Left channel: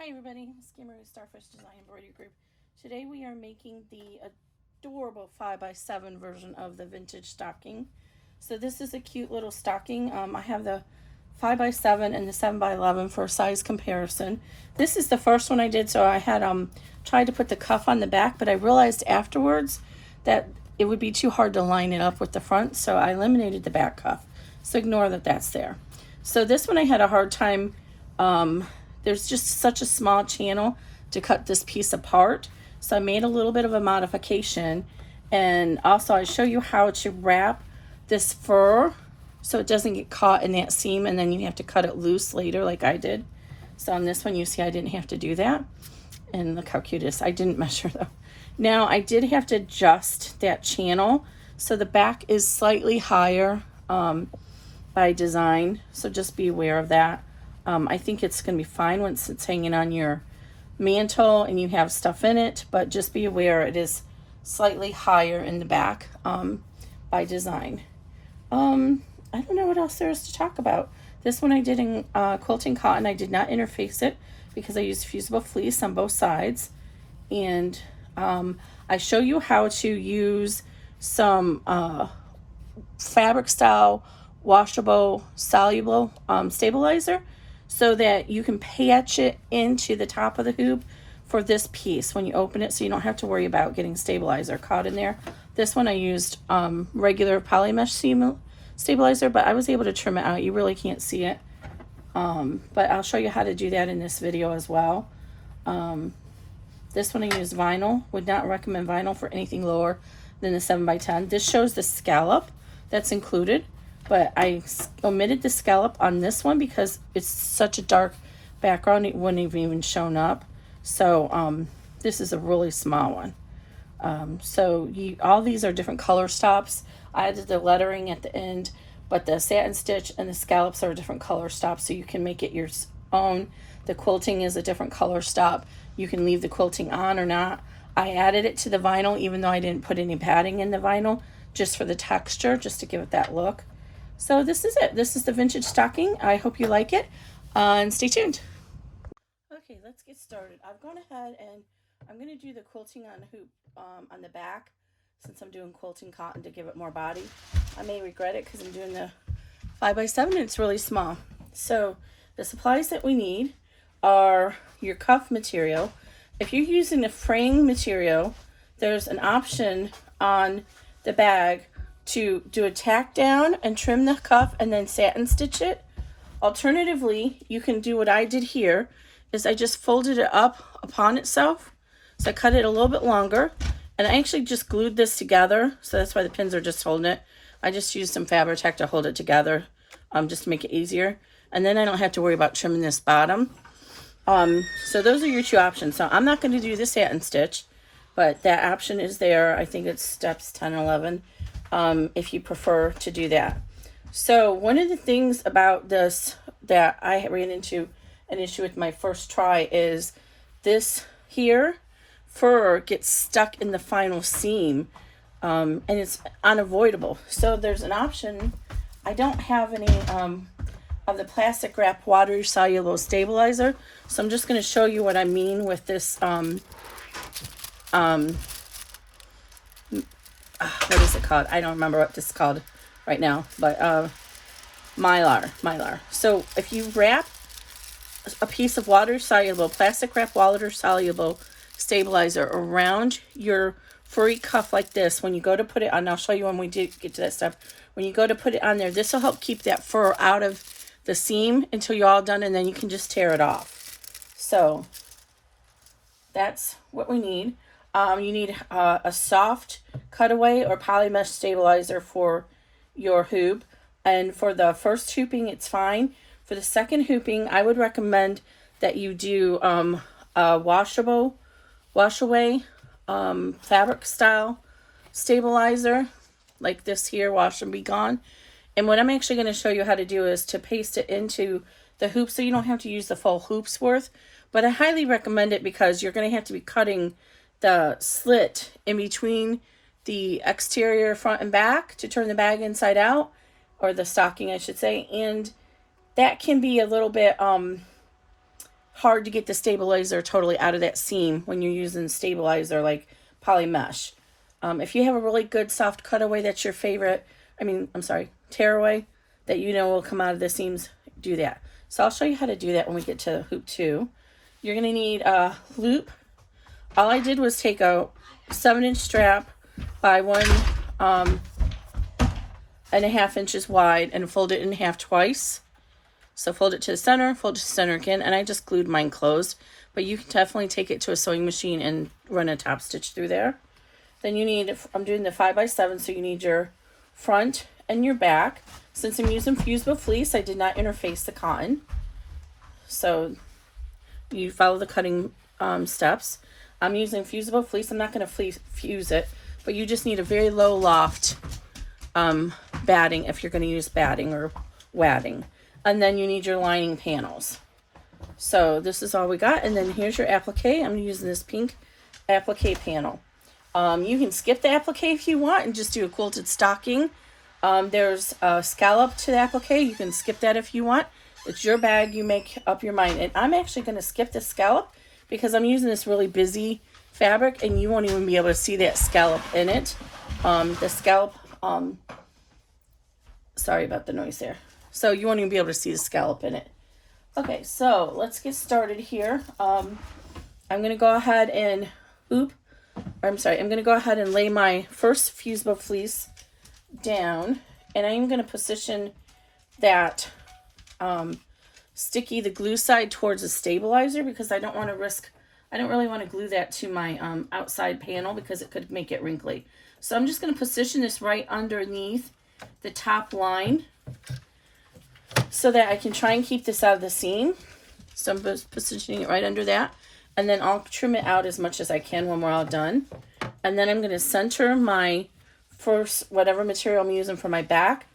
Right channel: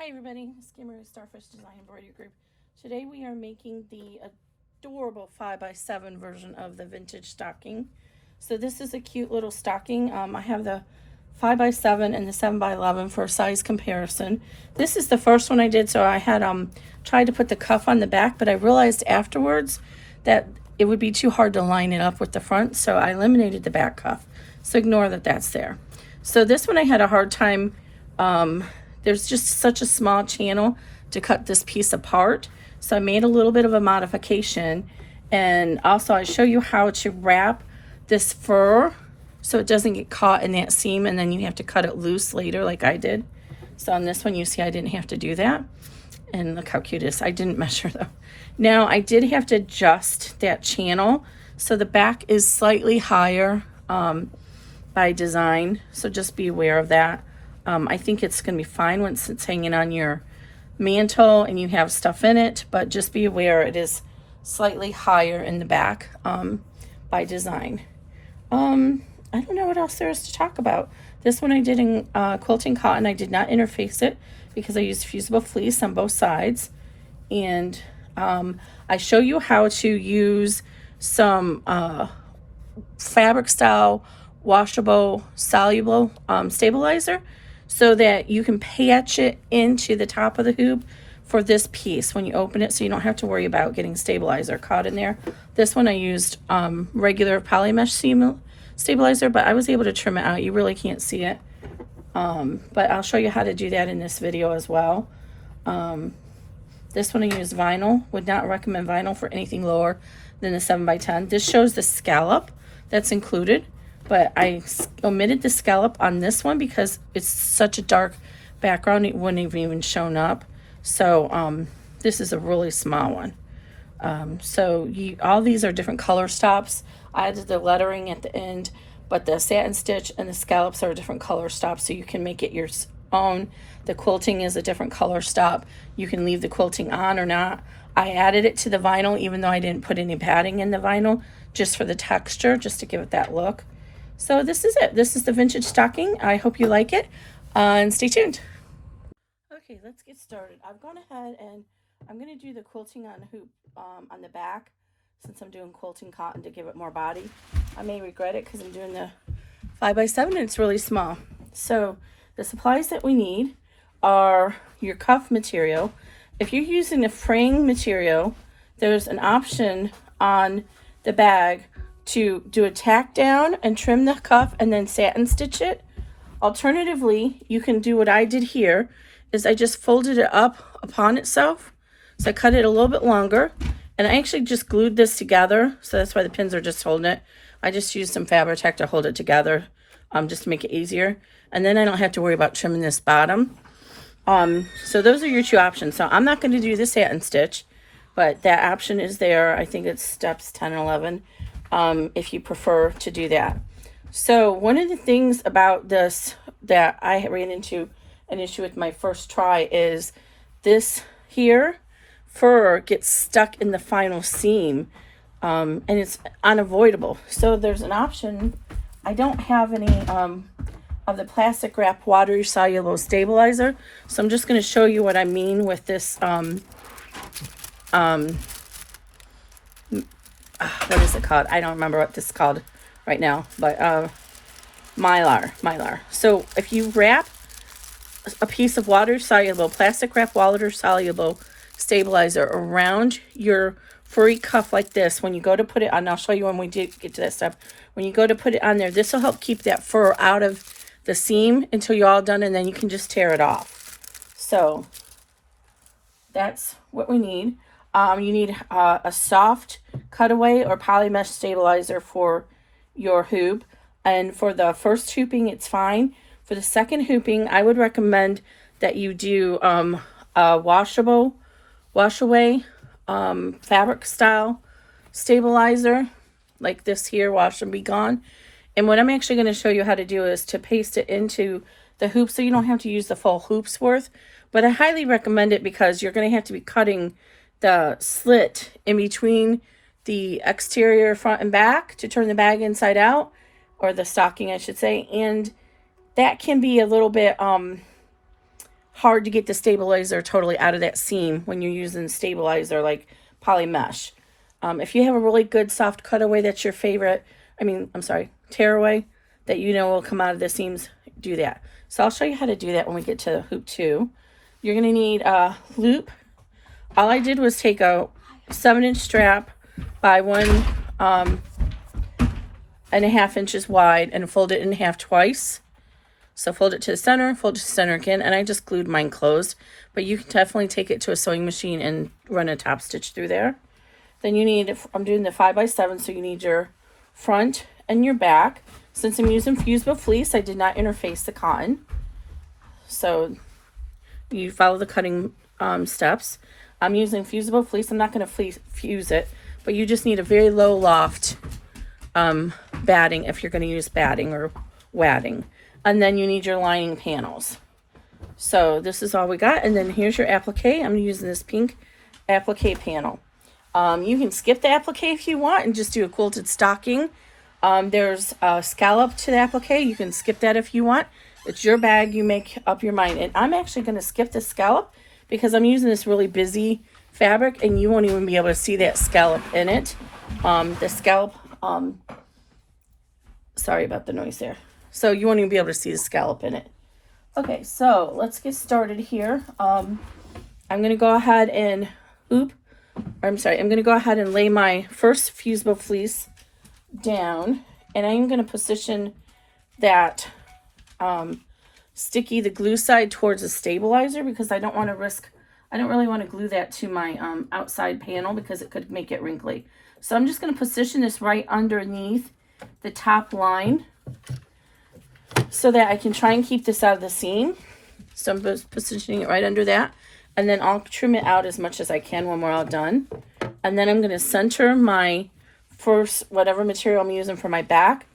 Hi everybody, Skimmer Starfish Design Embroidery Group. Today we are making the adorable 5x7 version of the vintage stocking. So this is a cute little stocking. I have the 5x7 and the 7x11 for a size comparison. This is the first one I did, so I had tried to put the cuff on the back, but I realized afterwards that it would be too hard to line it up with the front, so I eliminated the back cuff. So ignore that that's there. So this one I had a hard time, there's just such a small channel to cut this piece apart. So I made a little bit of a modification, and also I show you how to wrap this fur so it doesn't get caught in that seam and then you have to cut it loose later like I did. So on this one you see I didn't have to do that. And look how cute it is. I didn't measure though. Now I did have to adjust that channel. So the back is slightly higher by design. So just be aware of that. I think it's going to be fine once it's hanging on your mantle and you have stuff in it, but just be aware it is slightly higher in the back by design. I don't know what else there is to talk about. This one I did in quilting cotton. I did not interface it because I used fusible fleece on both sides. And I show you how to use some fabric style washable soluble stabilizer so that you can patch it into the top of the hoop for this piece when you open it, so you don't have to worry about getting stabilizer caught in there. This one I used regular poly mesh stabilizer, but I was able to trim it out. You really can't see it, but I'll show you how to do that in this video as well. This one I used vinyl. Would not recommend vinyl for anything lower than the 7x10. This shows the scallop that's included, but I omitted the scallop on this one because it's such a dark background it wouldn't have even shown up. So this is a really small one. All these are different color stops. I added the lettering at the end, but the satin stitch and the scallops are a different color stop, so you can make it your own. The quilting is a different color stop. You can leave the quilting on or not. I added it to the vinyl even though I didn't put any padding in the vinyl, just for the texture, just to give it that look. So this is it. This is the vintage stocking. I hope you like it, and stay tuned. Okay, let's get started. I've gone ahead and I'm going to do the quilting on the hoop on the back, since I'm doing quilting cotton to give it more body. I may regret it because I'm doing the 5x7 and it's really small. So the supplies that we need are your cuff material. If you're using the fraying material, there's an option on the bag to do a tack down and trim the cuff and then satin stitch it. Alternatively, you can do what I did here, is I just folded it up upon itself. So I cut it a little bit longer, and I actually just glued this together, so that's why the pins are just holding it. I just used some Fabri-Tac to hold it together, just to make it easier. And then I don't have to worry about trimming this bottom. So those are your two options. So I'm not going to do the satin stitch, but that option is there. I think it's steps 10 and 11. If you prefer to do that. So one of the things about this that I ran into an issue with my first try is this here fur gets stuck in the final seam, and it's unavoidable. So there's an option. I don't have any of the plastic wrap water soluble stabilizer, so I'm just going to show you what I mean with this what is it called? I don't remember what this is called right now, but mylar. So if you wrap a piece of plastic wrap water soluble stabilizer around your furry cuff like this, when you go to put it on, I'll show you when we get to that step. When you go to put it on there, this will help keep that fur out of the seam until you're all done, and then you can just tear it off. So that's what we need. You need a soft cutaway or poly mesh stabilizer for your hoop, and for the first hooping it's fine. For the second hooping, I would recommend that you do a washaway fabric style stabilizer like this here, wash and be gone. And what I'm actually going to show you how to do is to paste it into the hoop, so you don't have to use the full hoop's worth, but I highly recommend it because you're going to have to be cutting the slit in between the exterior front and back to turn the bag inside out, or the stocking I should say, and that can be a little bit hard to get the stabilizer totally out of that seam when you're using stabilizer like poly mesh. If you have a really good soft cutaway that's your favorite, tearaway, that you know will come out of the seams, do that. So I'll show you how to do that when we get to hoop 2. You're going to need a loop. All I did was take a 7-inch strap by 1.5 inches wide and fold it in half twice. So fold it to the center, fold it to the center again, and I just glued mine closed. But you can definitely take it to a sewing machine and run a top stitch through there. Then you need, I'm doing the 5x7, so you need your front and your back. Since I'm using fusible fleece, I did not interface the cotton. So you follow the cutting steps. I'm using fusible fleece. I'm not going to fuse it, but you just need a very low loft batting if you're going to use batting or wadding. And then you need your lining panels. So this is all we got. And then here's your applique. I'm using this pink applique panel. You can skip the applique if you want and just do a quilted stocking. There's a scallop to the applique. You can skip that if you want. It's your bag. You make up your mind. And I'm actually going to skip the scallop because I'm using this really busy fabric and you won't even be able to see that scallop in it. The scallop, sorry about the noise there. So you won't even be able to see the scallop in it. Okay, so let's get started here. I'm going to go ahead and I'm going to go ahead and lay my first fusible fleece down, and I'm going to position that the glue side towards the stabilizer because I don't really want to glue that to my outside panel because it could make it wrinkly. So I'm just going to position this right underneath the top line so that I can try and keep this out of the seam. So I'm just positioning it right under that. And then I'll trim it out as much as I can when we're all done. And then I'm going to center my first, whatever material I'm using for my back,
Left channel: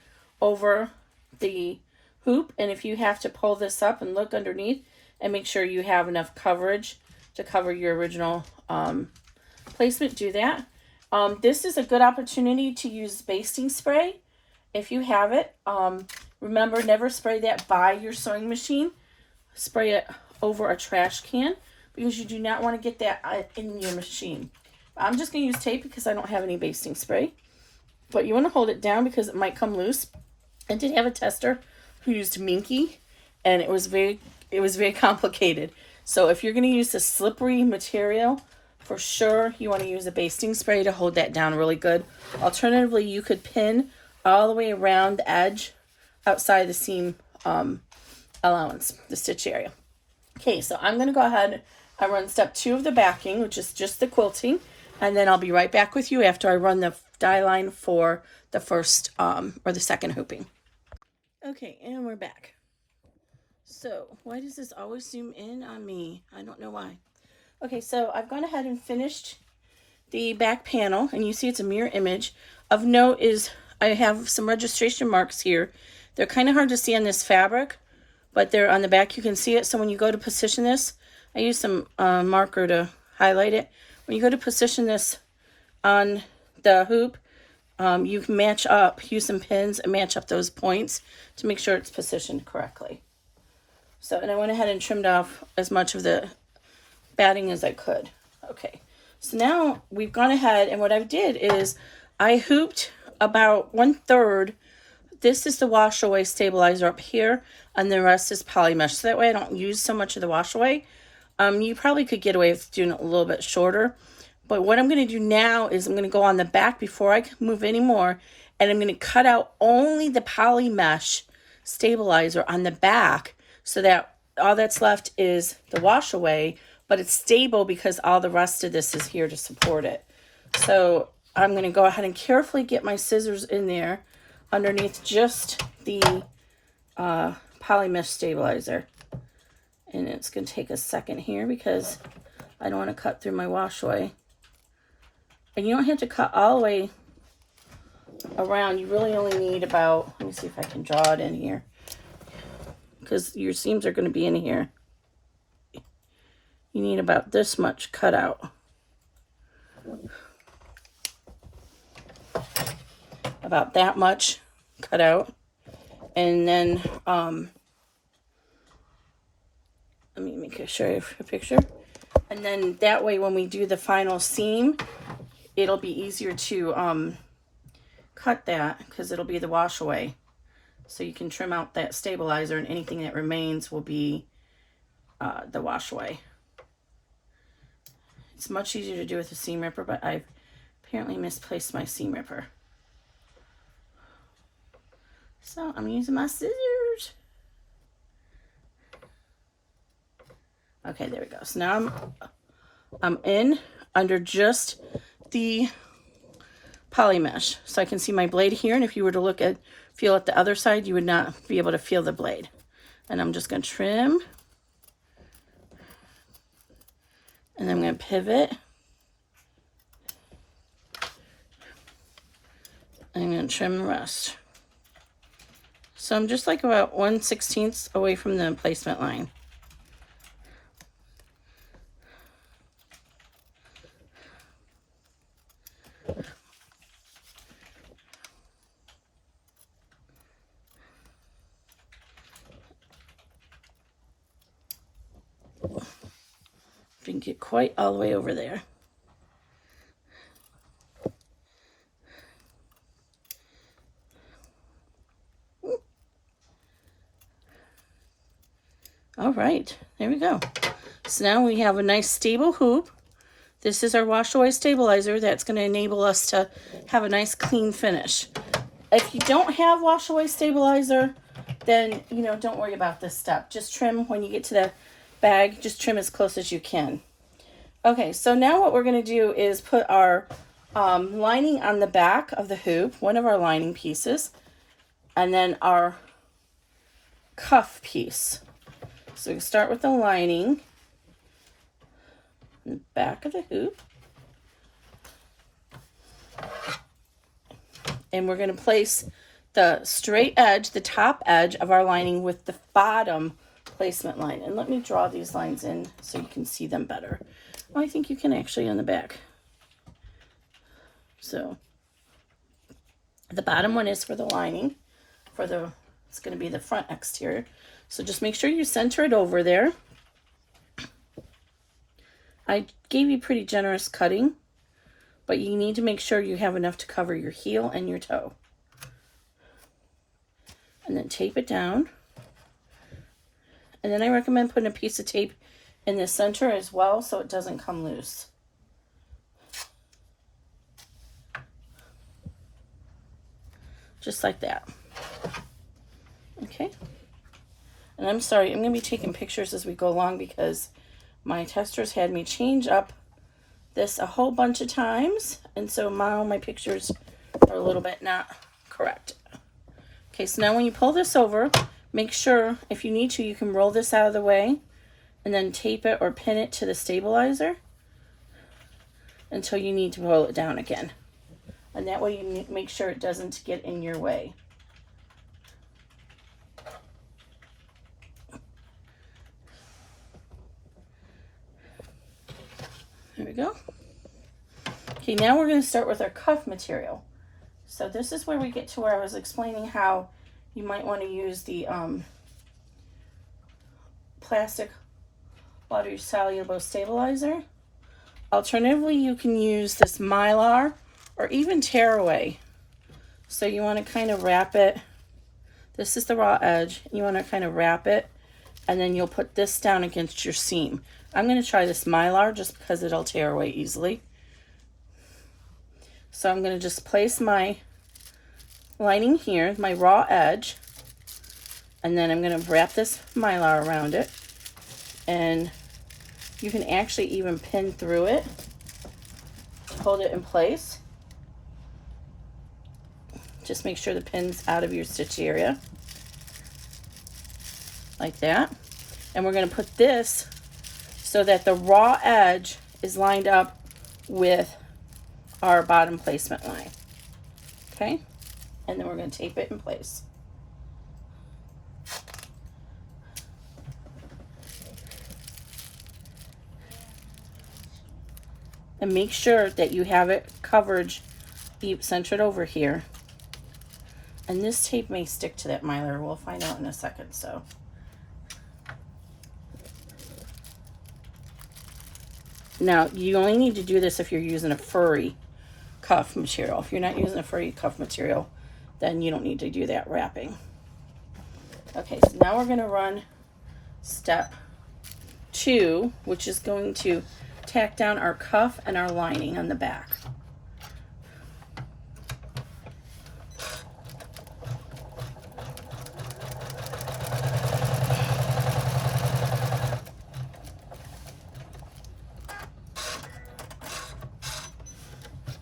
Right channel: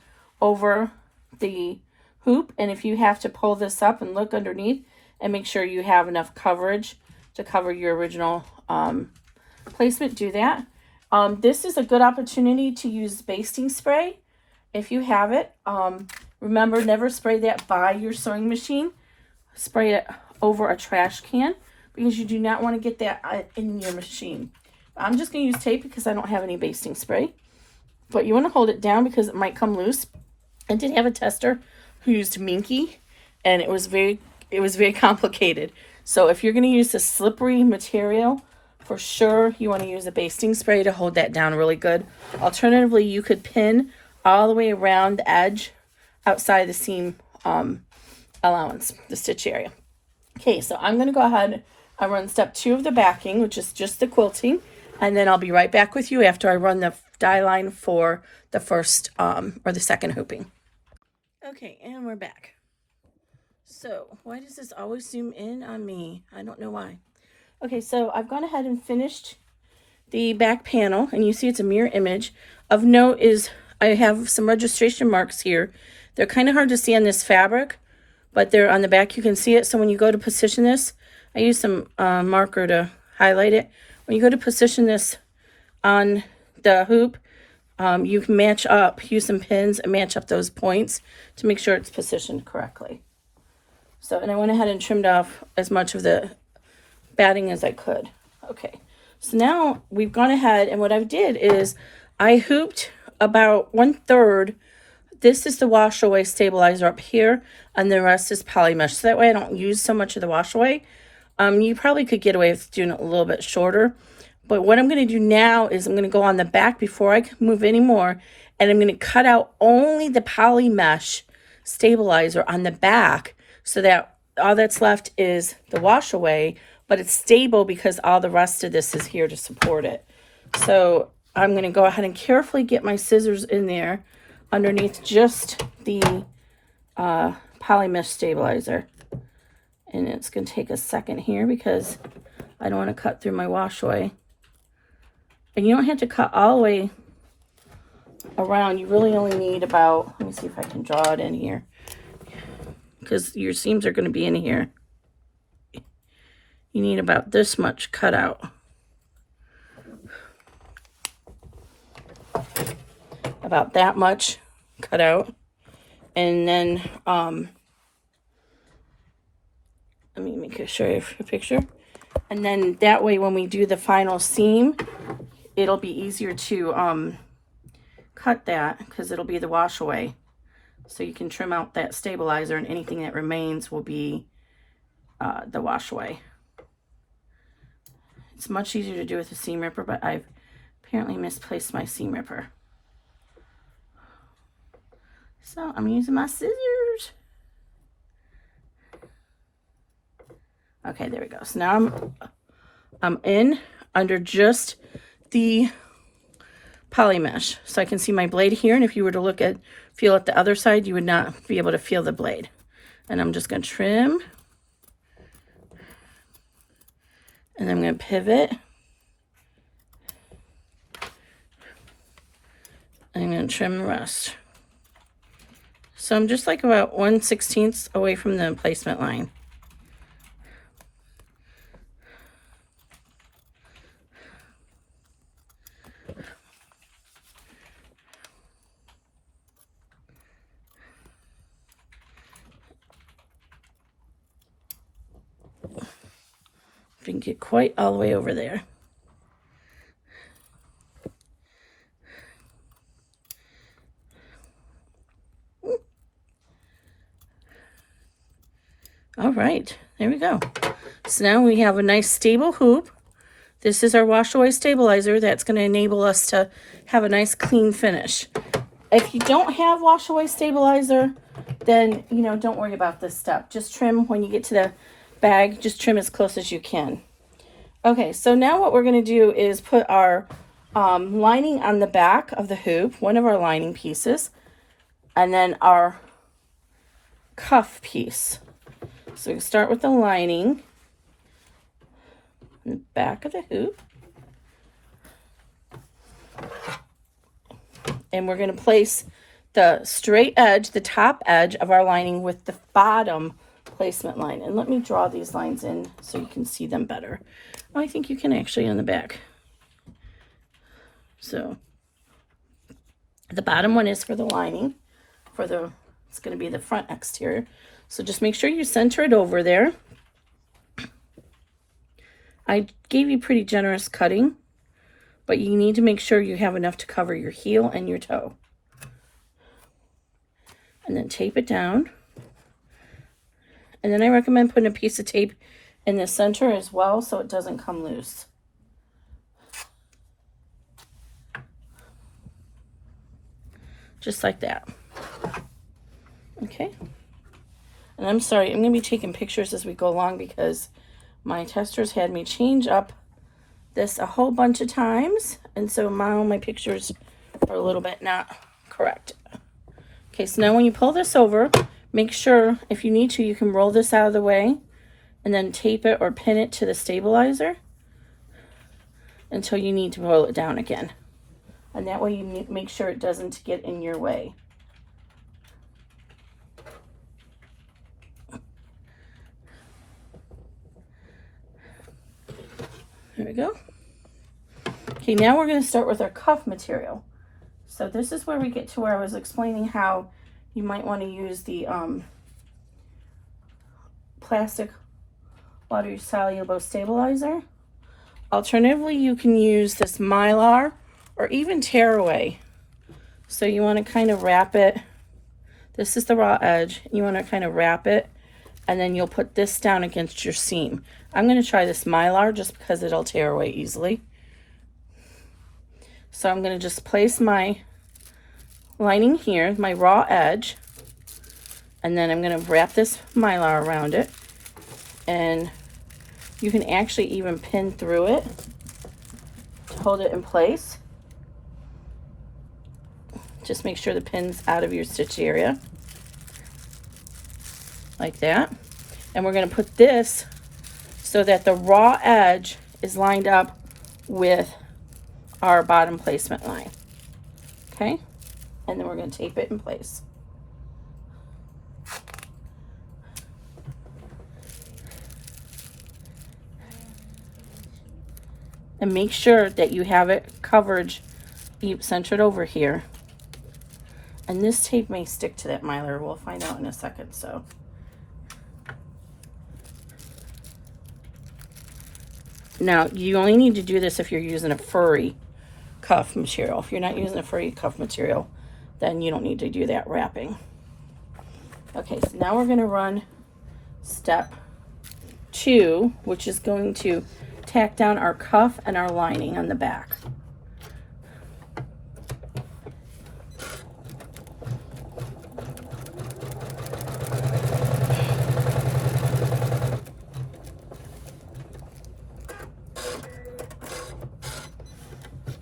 over the hoop. And if you have to pull this up and look underneath and make sure you have enough coverage to cover your original placement, do that. This is a good opportunity to use basting spray if you have it. Remember, never spray that by your sewing machine. Spray it over a trash can because you do not want to get that in your machine. I'm just going to use tape because I don't have any basting spray. But you want to hold it down because it might come loose. I did have a tester who used Minky, and it was very complicated. So if you're going to use a slippery material, for sure you want to use a basting spray to hold that down really good. Alternatively, you could pin all the way around the edge outside the seam allowance, the stitch area. Okay, so I'm going to go ahead and run step 2 of the backing, which is just the quilting, and then I'll be right back with you after I run the die line for the first or the second hooping. Okay, and we're back. So why does this always zoom in on me? I don't know why. Okay, so I've gone ahead and finished the back panel, and you see it's a mirror image. Of note is I have some registration marks here. They're kind of hard to see on this fabric, but they're on the back. You can see it. So when you go to position this, I use some marker to highlight it. When you go to position this on the hoop, you can match up, use some pins and match up those points to make sure it's positioned correctly. So, and I went ahead and trimmed off as much of the batting as I could. Okay, so now we've gone ahead, and what I did is I hooped about 1/3. This is the wash away stabilizer up here, and the rest is poly mesh. So that way I don't use so much of the wash away. You probably could get away with doing it a little bit shorter. But what I'm going to do now is I'm going to go on the back before I move anymore, and I'm going to cut out only the poly mesh stabilizer on the back so that all that's left is the wash away, but it's stable because all the rest of this is here to support it. So I'm going to go ahead and carefully get my scissors in there underneath just the poly mesh stabilizer. And it's going to take a second here because I don't want to cut through my wash away. And you don't have to cut all the way around. You really only need about, let me see if I can draw it in here, because your seams are going to be in here. You need about this much cut out. About that much cut out. And then let me show you a picture. And then that way when we do the final seam, it'll be easier to cut that because it'll be the wash away. So you can trim out that stabilizer and anything that remains will be the wash away. It's much easier to do with a seam ripper, but I've apparently misplaced my seam ripper. So I'm using my scissors. Okay, there we go. So now I'm in under just the poly mesh. So I can see my blade here, and if you were to feel at the other side, you would not be able to feel the blade. And I'm just gonna trim. And I'm going to pivot. I'm going to trim the rest. So I'm just like about 1/16 away from the placement line. Didn't get quite all the way over there. All right, there we go. So now we have a nice stable hoop. This is our wash away stabilizer that's going to enable us to have a nice clean finish. If you don't have wash away stabilizer, then don't worry about this step. Just trim when you get to the bag, just trim as close as you can. Okay, so now what we're going to do is put our lining on the back of the hoop, one of our lining pieces, and then our cuff piece. So we start with the lining in the back of the hoop. And we're going to place the straight edge, the top edge of our lining with the bottom placement line. And let me draw these lines in so you can see them better. Oh, I think you can actually on the back. So the bottom one is for the lining, it's going to be the front exterior. So just make sure you center it over there. I gave you pretty generous cutting, but you need to make sure you have enough to cover your heel and your toe. And then tape it down. And then I recommend putting a piece of tape in the center as well so it doesn't come loose. Just like that. Okay. And I'm sorry, I'm going to be taking pictures as we go along because my testers had me change up this a whole bunch of times. And so my pictures are a little bit not correct. Okay, so now when you pull this over, make sure if you need to, you can roll this out of the way and then tape it or pin it to the stabilizer until you need to pull it down again. And that way you make sure it doesn't get in your way. There we go. Okay, now we're going to start with our cuff material. So this is where we get to where I was explaining how you might want to use the plastic water soluble stabilizer. Alternatively, you can use this Mylar or even tearaway. So you want to kind of wrap it. This is the raw edge. You want to kind of wrap it, and then you'll put this down against your seam. I'm going to try this Mylar just because it'll tear away easily. So I'm going to just place my lining here, my raw edge, and then I'm going to wrap this Mylar around it. And you can actually even pin through it to hold it in place. Just make sure the pin's out of your stitch area. Like that. And we're going to put this so that the raw edge is lined up with our bottom placement line. Okay? And then we're going to tape it in place. And make sure that you have it coverage centered over here. And this tape may stick to that Mylar. We'll find out in a second. So Now, you only need to do this if you're using a furry cuff material. If you're not using a furry cuff material, then you don't need to do that wrapping. Okay, so now we're going to run step 2, which is going to tack down our cuff and our lining on the back.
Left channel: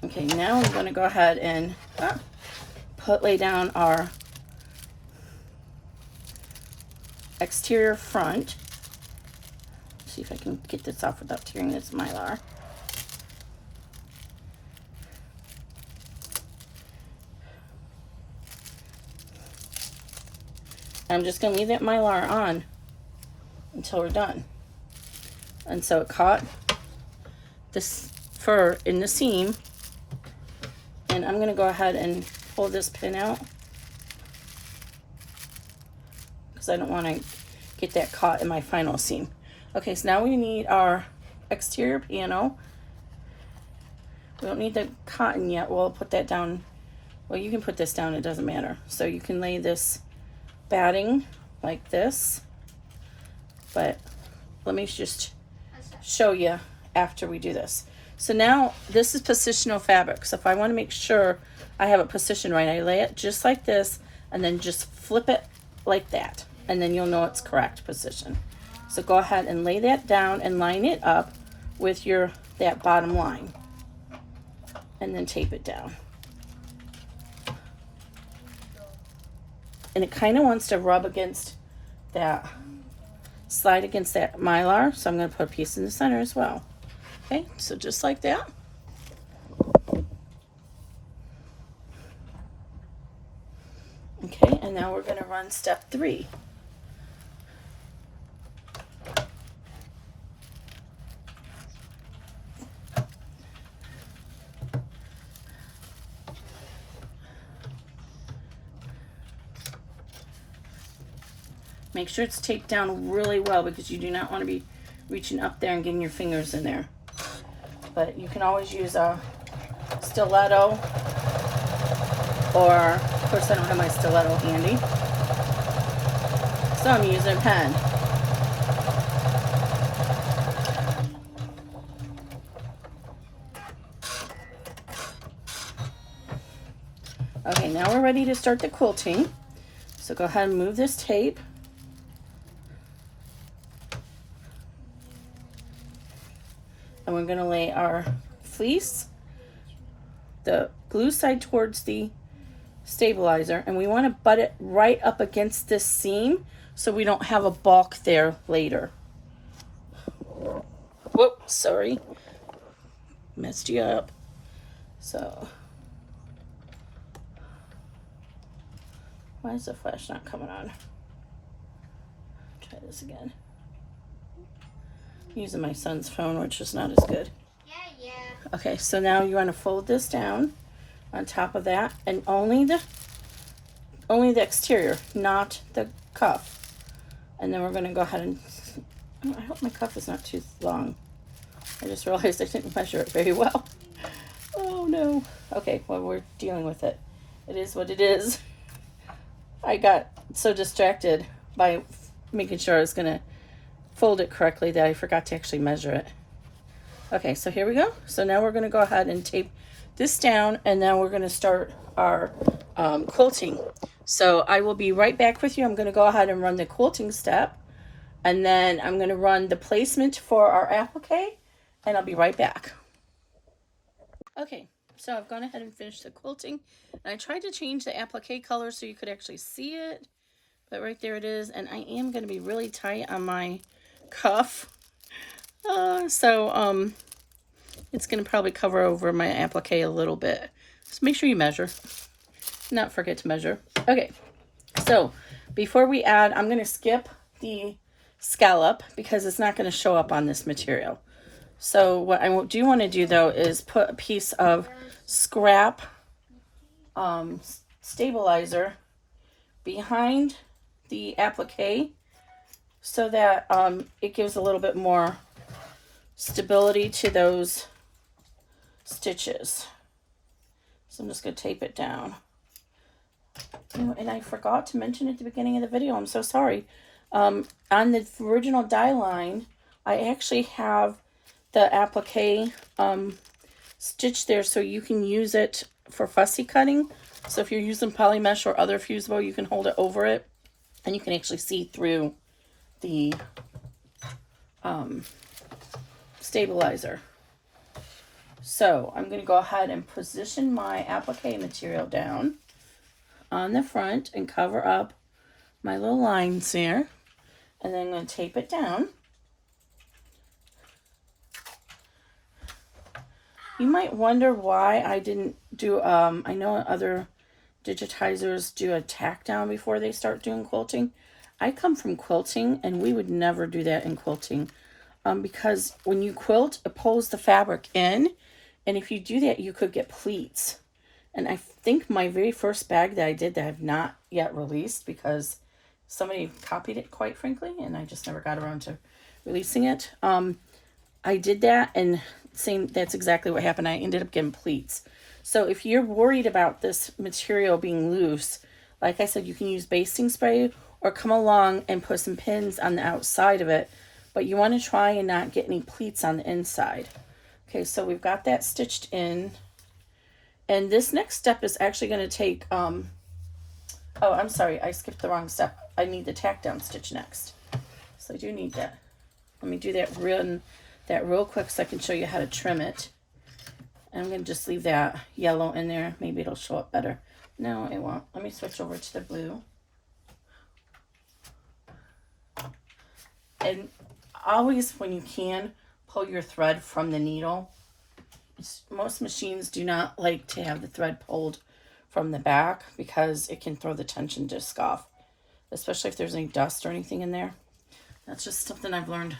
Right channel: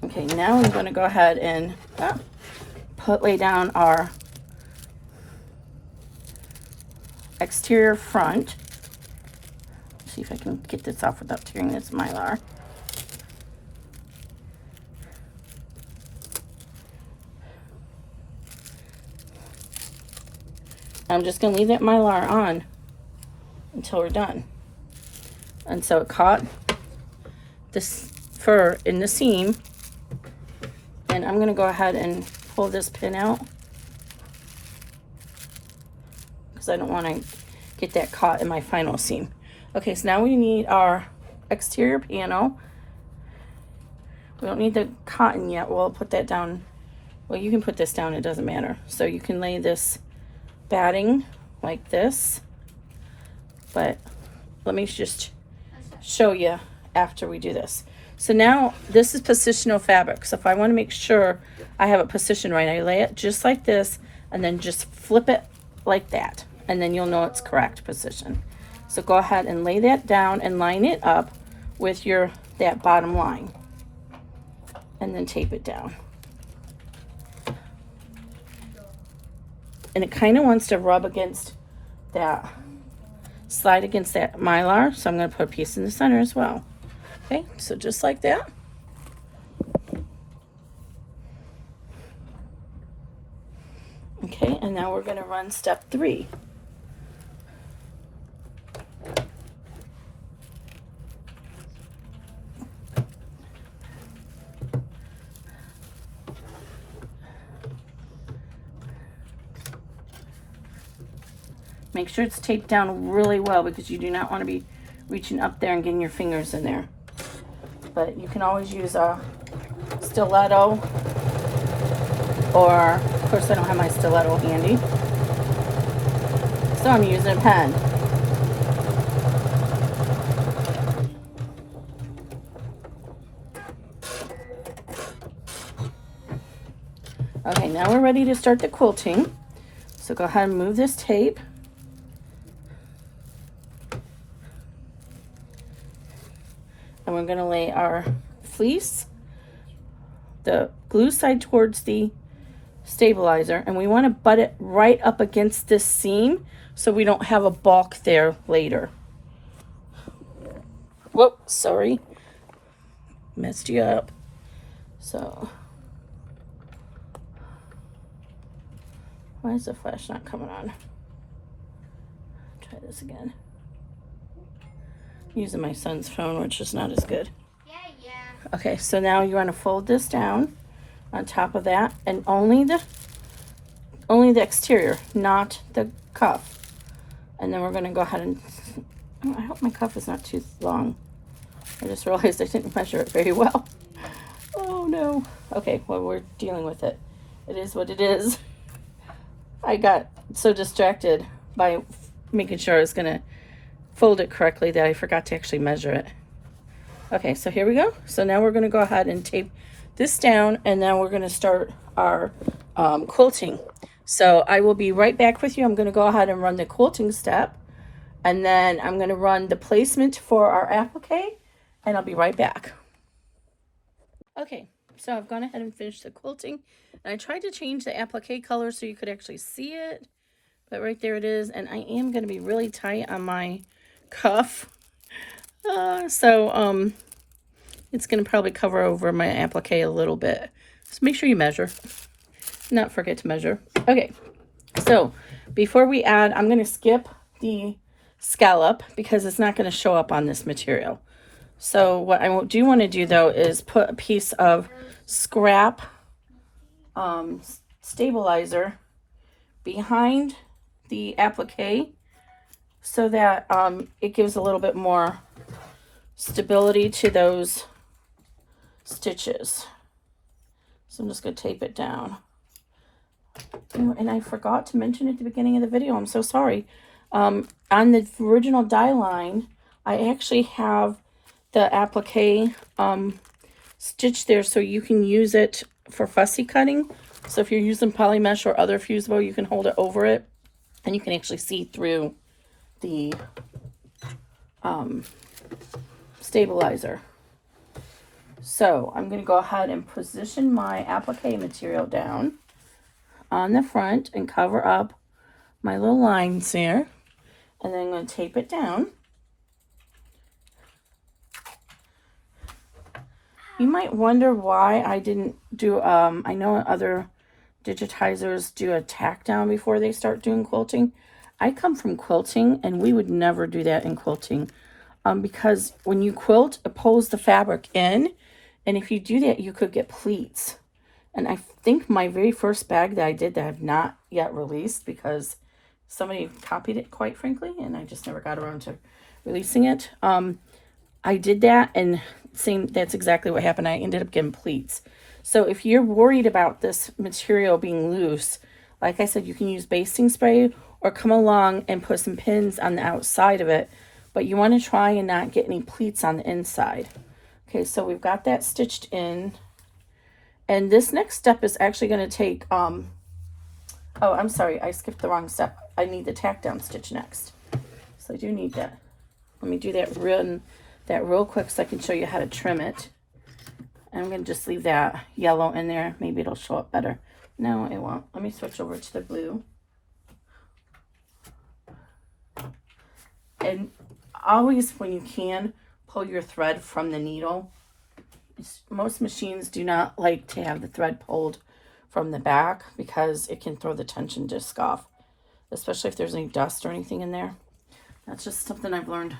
Okay, now I'm going to go ahead and lay down our exterior front. See if I can get this off without tearing this mylar. I'm just going to leave that mylar on until we're done. And so it caught this fur in the seam, and I'm going to go ahead and pull this pin out because I don't want to get that caught in my final seam. Okay, so now we need our exterior panel. We don't need the cotton yet. We'll put that down. Well, you can put this down, it doesn't matter. So you can lay this batting like this, but let me just show you after we do this. So now this is positional fabric. So if I want to make sure I have it positioned right, I lay it just like this and then just flip it like that, and then you'll know it's correct position. So go ahead and lay that down and line it up with that bottom line, and then tape it down. And it kind of wants to rub against that, slide against that mylar, so I'm going to put a piece in the center as well. Okay, so just like that. Okay, and now we're going to run step 3. Make sure it's taped down really well because you do not want to be reaching up there and getting your fingers in there. But you can always use a stiletto, or of course I don't have my stiletto handy, so I'm using a pen. Okay, now we're ready to start the quilting. So go ahead and move this tape. And we're going to lay our fleece, the glue side towards the stabilizer, and we want to butt it right up against this seam so we don't have a bulk there later. Whoops, sorry. Messed you up. So, why is the flash not coming on? Try this again. Using my son's phone, which is not as good. Yeah. Okay, so now you want to fold this down on top of that, and only the exterior, not the cuff. And then we're going to go ahead and, I hope my cuff is not too long. I just realized I didn't measure it very well. Oh no. Okay, well, we're dealing with it. It is what it is. I got so distracted by making sure I was going to fold it correctly that I forgot to actually measure it. Okay, so here we go. So now we're going to go ahead and tape this down, and then we're going to start our quilting. So I will be right back with you. I'm going to go ahead and run the quilting step, and then I'm going to run the placement for our applique, and I'll be right back. Okay, so I've gone ahead and finished the quilting, and I tried to change the applique color so you could actually see it, but right there it is. And I am going to be really tight on my cuff, so it's going to probably cover over my applique a little bit. So make sure you measure, not forget to measure. Okay, so before we add, I'm going to skip the scallop because it's not going to show up on this material. So what I do want to do though is put a piece of scrap stabilizer behind the applique so that it gives a little bit more stability to those stitches. So I'm just going to tape it down. Oh, and I forgot to mention at the beginning of the video, I'm so sorry. On the original die line, I actually have the applique stitch there so you can use it for fussy cutting. So if you're using poly mesh or other fusible, you can hold it over it and you can actually see through the stabilizer. So I'm going to go ahead and position my applique material down on the front and cover up my little lines there. And then I'm going to tape it down. You might wonder why I didn't do, I know other digitizers do a tack down before they start doing quilting. I come from quilting and we would never do that in quilting. Because when you quilt, it pulls the fabric in. And if you do that, you could get pleats. And I think my very first bag that I did that I have not yet released because somebody copied it, quite frankly, and I just never got around to releasing it. I did that, and that's exactly what happened. I ended up getting pleats. So if you're worried about this material being loose, like I said, you can use basting spray or come along and put some pins on the outside of it, but you want to try and not get any pleats on the inside. Okay, so we've got that stitched in. And this next step is actually going to take, oh, I'm sorry, I skipped the wrong step. I need the tack down stitch next. So I do need that. Let me do that real quick so I can show you how to trim it. I'm going to just leave that yellow in there. Maybe it'll show up better. No, it won't. Let me switch over to the blue. And always, when you can, pull your thread from the needle. Most machines do not like to have the thread pulled from the back because it can throw the tension disc off, especially if there's any dust or anything in there. That's just something I've learned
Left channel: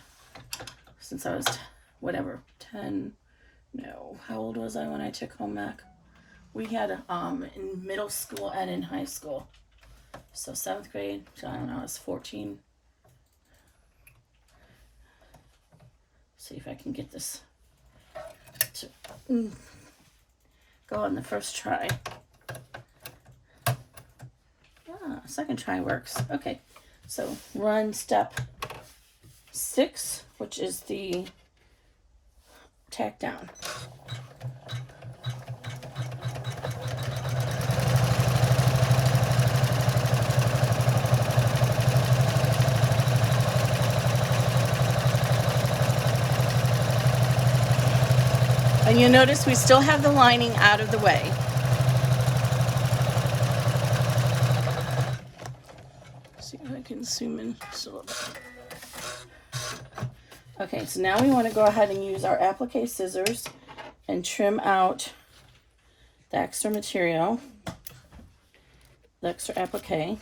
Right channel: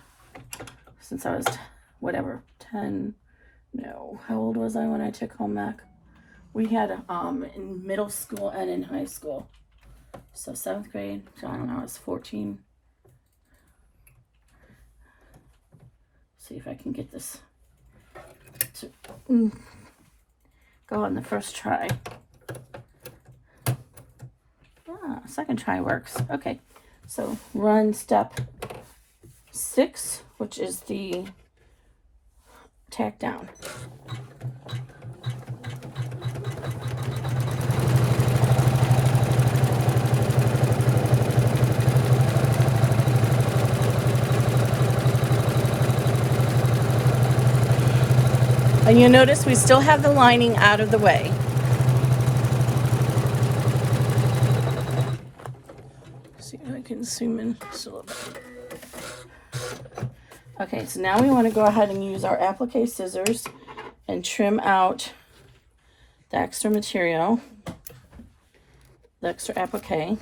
since I was, whatever, 10, no, how old was I when I took home ec? We had in middle school and in high school. So 7th grade, so I don't know, I was 14. See if I can get this to go on the first try. Second try works. Okay, so run step 6, which is the tack down. And you notice we still have the lining out of the way. See if I can zoom in. Okay, so now we want to go ahead and use our applique scissors and trim out the extra material, the extra applique.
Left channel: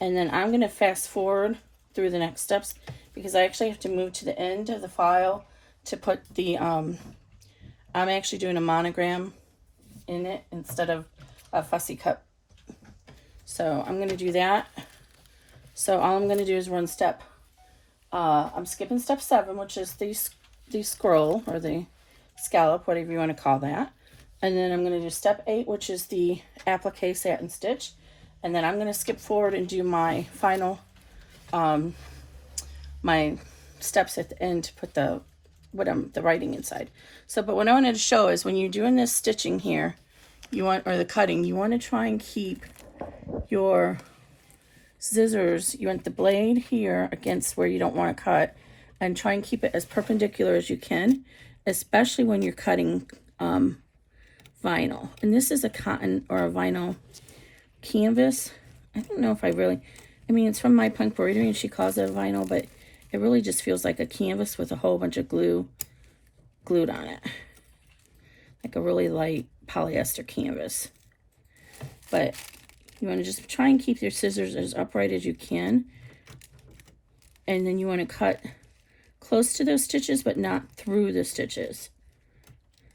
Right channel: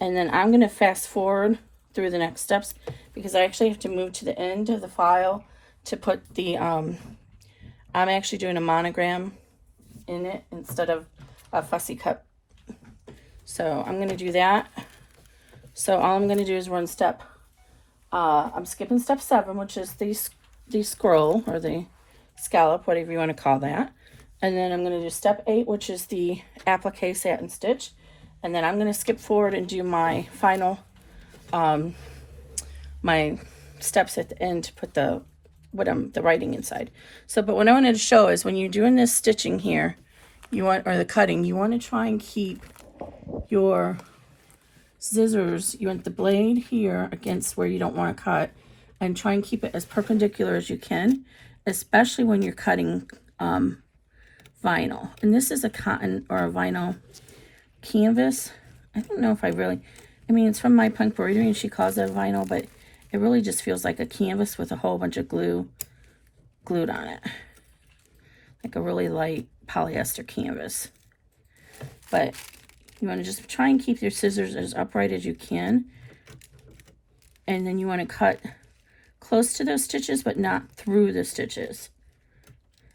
And then I'm going to fast forward through the next steps because I actually have to move to the end of the file to put the, I'm actually doing a monogram in it instead of a fussy cut. So I'm going to do that. So all I'm going to do is run step, I'm skipping step 7, which is the scroll or the scallop, whatever you want to call that. And then I'm going to do step 8, which is the applique satin stitch. And then I'm going to skip forward and do my final, my steps at the end to put the writing inside. So, but what I wanted to show is when you're doing this stitching here, or the cutting, you want to try and keep your scissors, you want the blade here against where you don't want to cut, and try and keep it as perpendicular as you can, especially when you're cutting vinyl. And this is a cotton or a vinyl canvas. I don't know if I mean, it's from MyPunkBroidery and she calls it vinyl, but it really just feels like a canvas with a whole bunch of glue glued on it. Like a really light polyester canvas. But you want to just try and keep your scissors as upright as you can. And then you want to cut close to those stitches, but not through the stitches.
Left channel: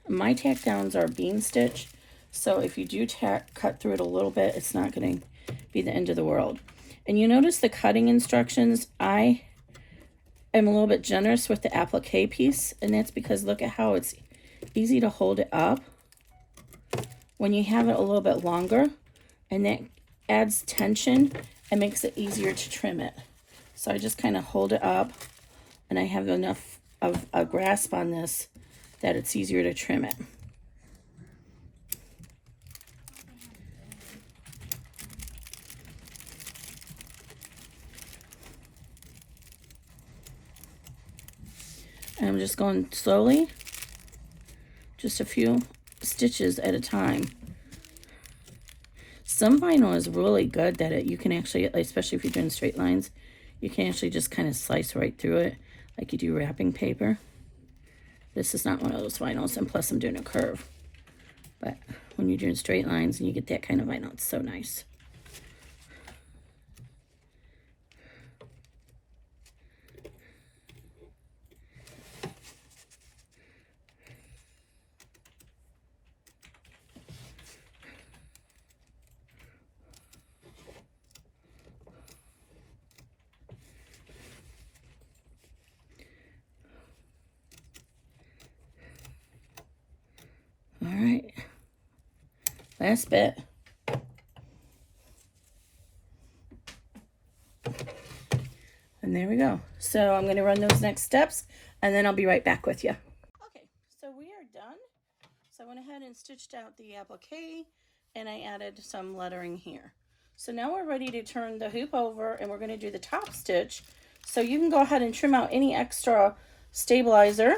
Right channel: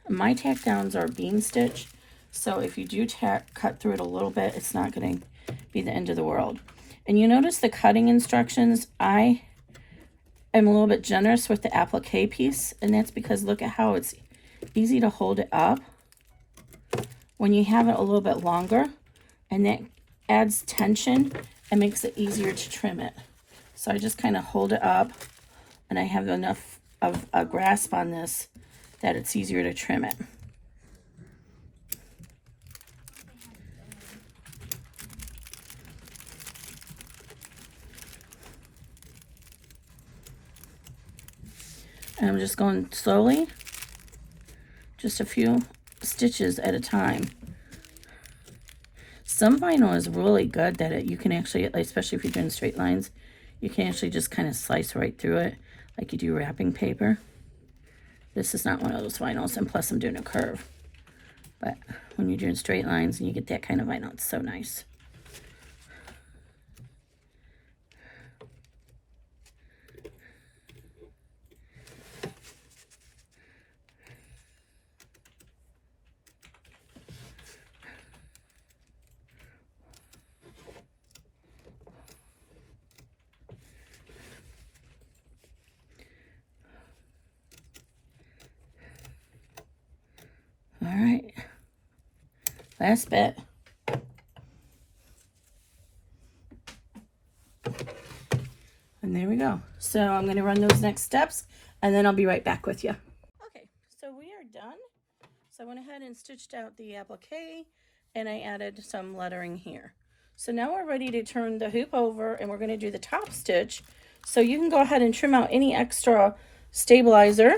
My tack downs are a bean stitch, so if you do cut through it a little bit, it's not going to be the end of the world. And you notice the cutting instructions, I am a little bit generous with the applique piece, and that's because look at how it's easy to hold it up when you have it a little bit longer, and that adds tension and makes it easier to trim it. So I just kind of hold it up, and I have enough of a grasp on this that it's easier to trim it. And I'm just going slowly, just a few stitches at a time. Some vinyl is really good that you can actually, especially if you're doing straight lines, you can actually just kind of slice right through it like you do wrapping paper. This is not one of those vinyls, and plus I'm doing a curve. But when you're doing straight lines and you get that kind of vinyl, it's so nice. All right, last bit. And there we go. So I'm going to run those next steps, and then I'll be right back with you. Okay, so we are done. So I went ahead and stitched out the applique, and I added some lettering here. So now we're ready to turn the hoop over, and we're going to do the top stitch. So you can go ahead and trim out any extra stabilizer.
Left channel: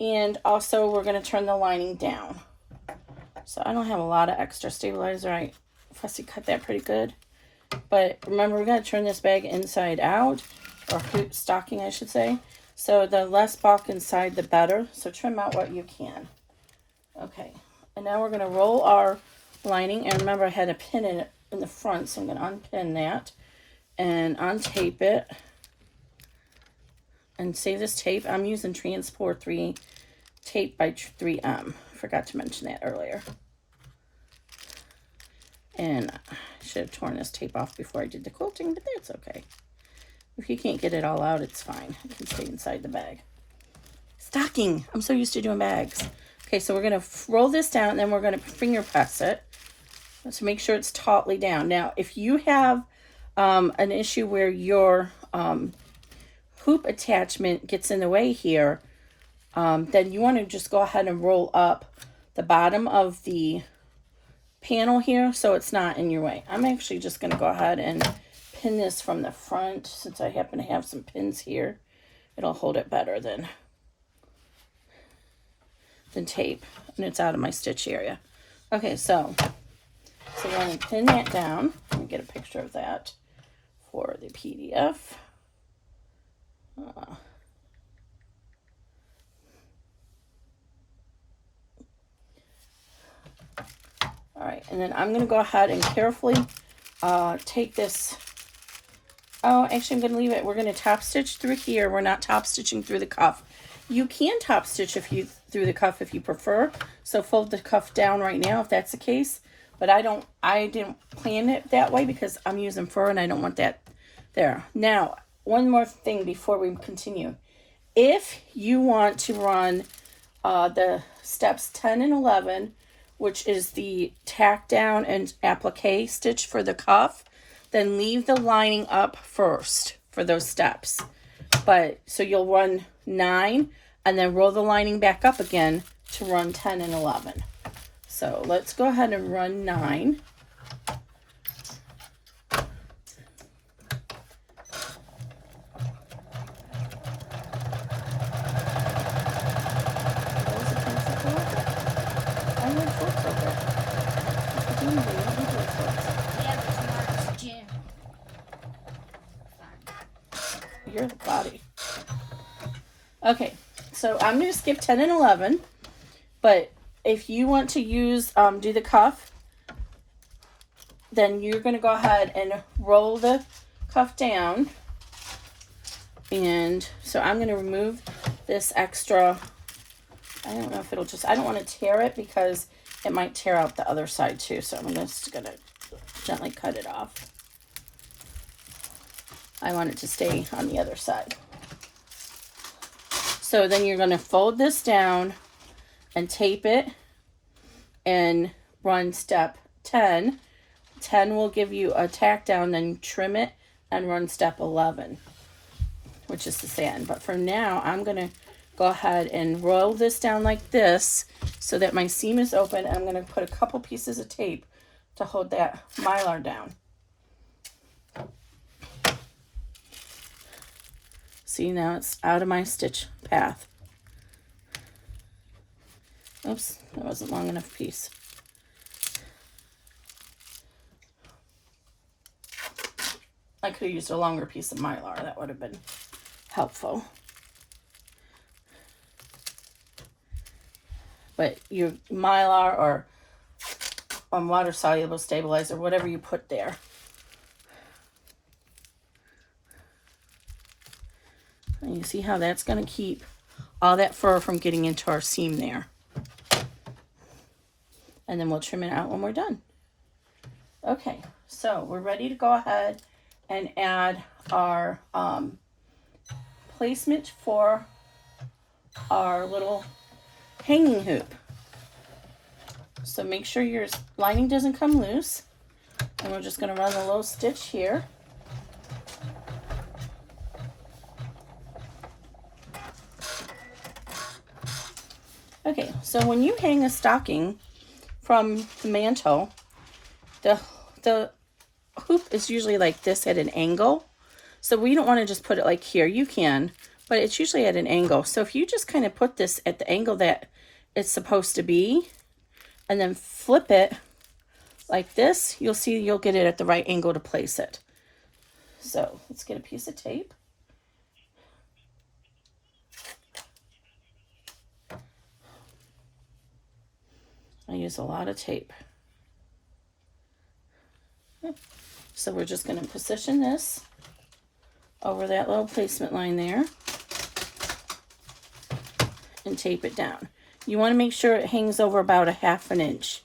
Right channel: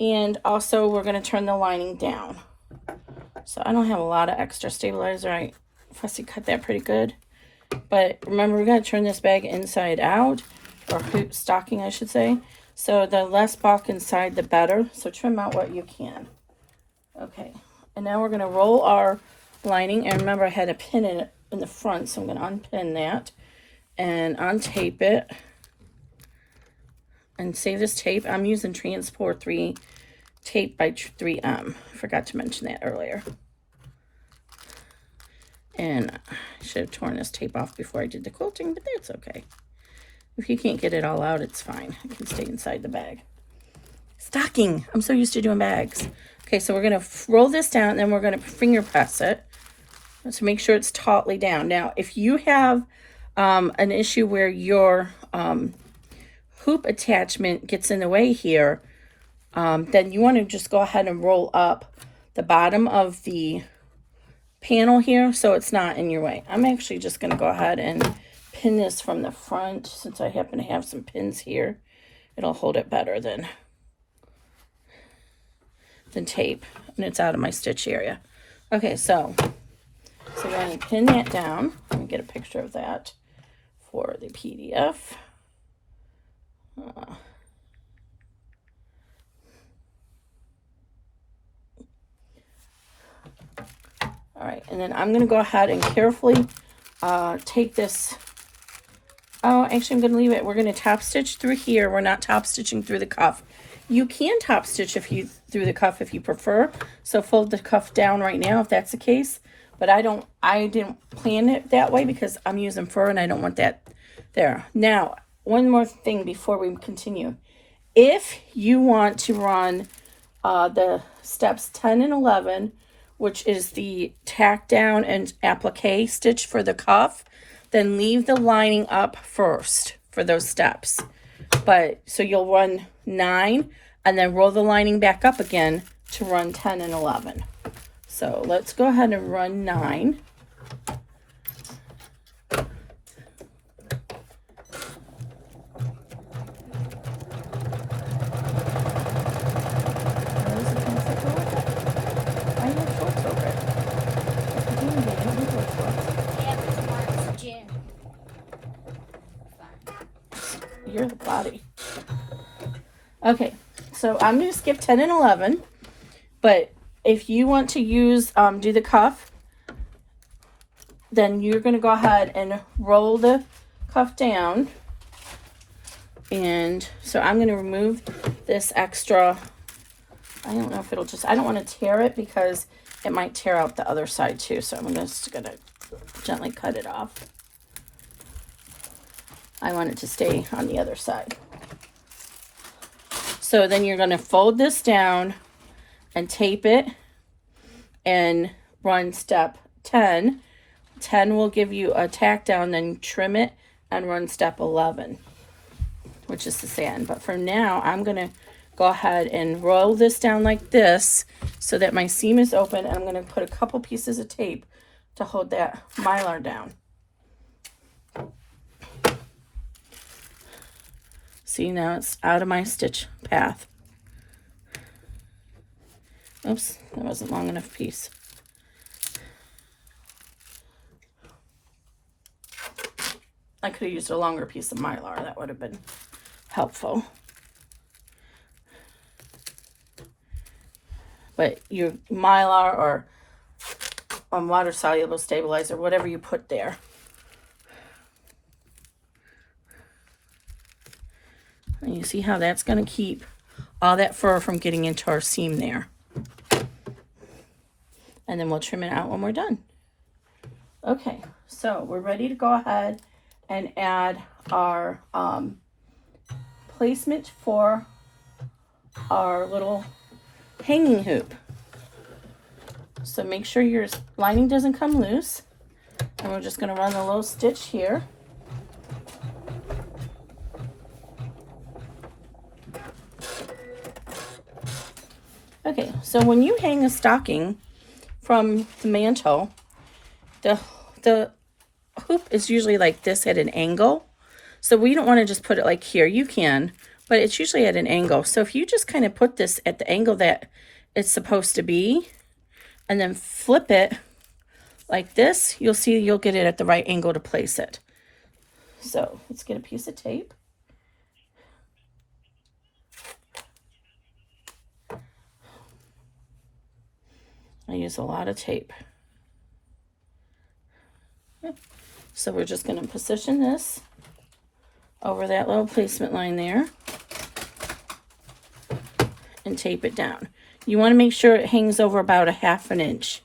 And also we're going to turn the lining down. So I don't have a lot of extra stabilizer. I fussy cut that pretty good. But remember, we're going to turn this bag inside out, or hoop stocking I should say. So the less bulk inside the better. So trim out what you can. Okay, and now we're going to roll our lining. And remember, I had to pin it in the front, so I'm going to unpin that and untape it. And save this tape. I'm using Transport 3 tape by 3M. I forgot to mention that earlier. And I should have torn this tape off before I did the quilting, but that's okay. If you can't get it all out, it's fine. It can stay inside the bag. Stocking. I'm so used to doing bags. Okay, so we're going to roll this down, and then we're going to finger press it to make sure it's tautly down. Now, if you have an issue where your hoop attachment gets in the way here, then you want to just go ahead and roll up the bottom of the panel here so it's not in your way. I'm actually just going to go ahead and pin this from the front since I happen to have some pins here. It'll hold it better than tape, and it's out of my stitch area. Okay, so I'm going to pin that down. Let me get a picture of that for the PDF. All right, and then I'm going to go ahead and carefully take this. Oh, actually, I'm going to leave it. We're going to top stitch through here. We're not top stitching through the cuff. You can top stitch through the cuff if you prefer. So fold the cuff down right now if that's the case. But I didn't plan it that way because I'm using fur and I don't want that there. Now, one more thing before we continue. If you want to run the steps 10 and 11, which is the tack down and applique stitch for the cuff, then leave the lining up first for those steps. But so you'll run 9 and then roll the lining back up again to run 10 and 11. So let's go ahead and run 9. Your body. Okay, so I'm going to skip 10 and 11, but if you want to use do the cuff, then you're going to go ahead and roll the cuff down. And so I'm going to remove this extra. I don't know if it'll just, I don't want to tear it because it might tear out the other side too, so I'm just going to gently cut it off. I want it to stay on the other side. So then you're going to fold this down and tape it and run step 10. 10 will give you a tack down, then trim it and run step 11, which is the sand. But for now, I'm going to go ahead and roll this down like this so that my seam is open. I'm going to put a couple pieces of tape to hold that mylar down. See, now it's out of my stitch path. Oops, that wasn't long enough piece. I could have used a longer piece of mylar. That would have been helpful. But your mylar or water soluble stabilizer, whatever you put there. And you see how that's going to keep all that fur from getting into our seam there. And then we'll trim it out when we're done. Okay, so we're ready to go ahead and add our placement for our little hanging hoop. So make sure your lining doesn't come loose. And we're just going to run a little stitch here. Okay, so when you hang a stocking from the mantel, the hoop is usually like this at an angle. So we don't want to just put it like here. You can, but it's usually at an angle. So if you just kind of put this at the angle that it's supposed to be, and then flip it like this, you'll see you'll get it at the right angle to place it. So let's get a piece of tape. I use a lot of tape. So we're just going to position this over that little placement line there and tape it down. You want to make sure it hangs over about 1/2 inch.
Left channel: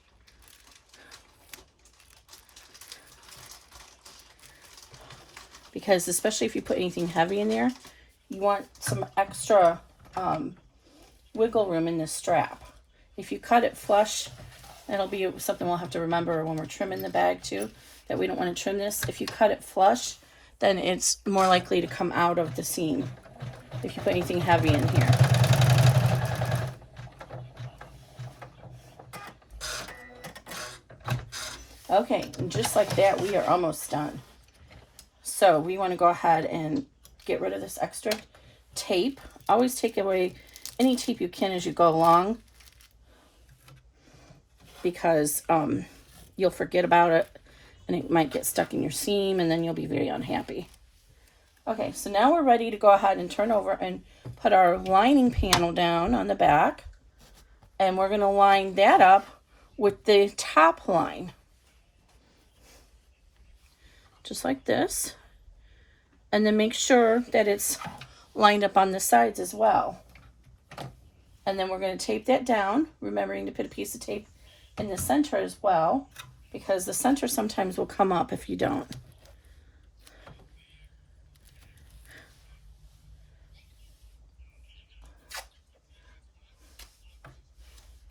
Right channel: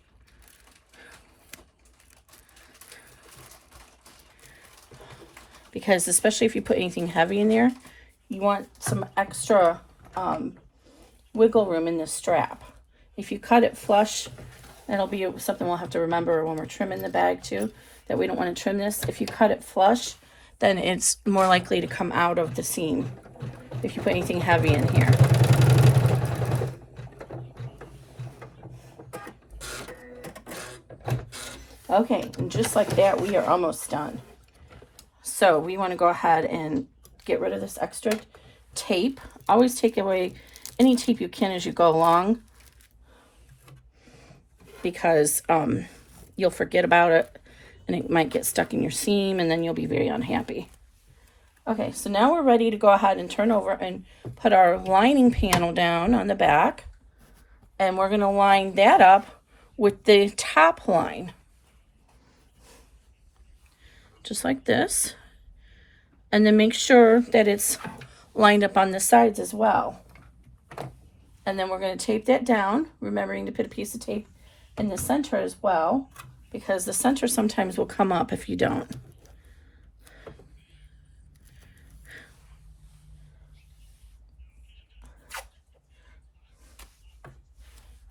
Because especially if you put anything heavy in there, you want some extra wiggle room in the strap. If you cut it flush, that'll be something we'll have to remember when we're trimming the bag too, that we don't want to trim this. If you cut it flush, then it's more likely to come out of the seam if you put anything heavy in here. Okay, and just like that, we are almost done. So we want to go ahead and get rid of this extra tape. Always take away any tape you can as you go along, because you'll forget about it and it might get stuck in your seam and then you'll be very unhappy. Okay, so now we're ready to go ahead and turn over and put our lining panel down on the back, and we're going to line that up with the top line. Just like this. And then make sure that it's lined up on the sides as well. And then we're going to tape that down, remembering to put a piece of tape in the center as well, because the center sometimes will come up if you don't.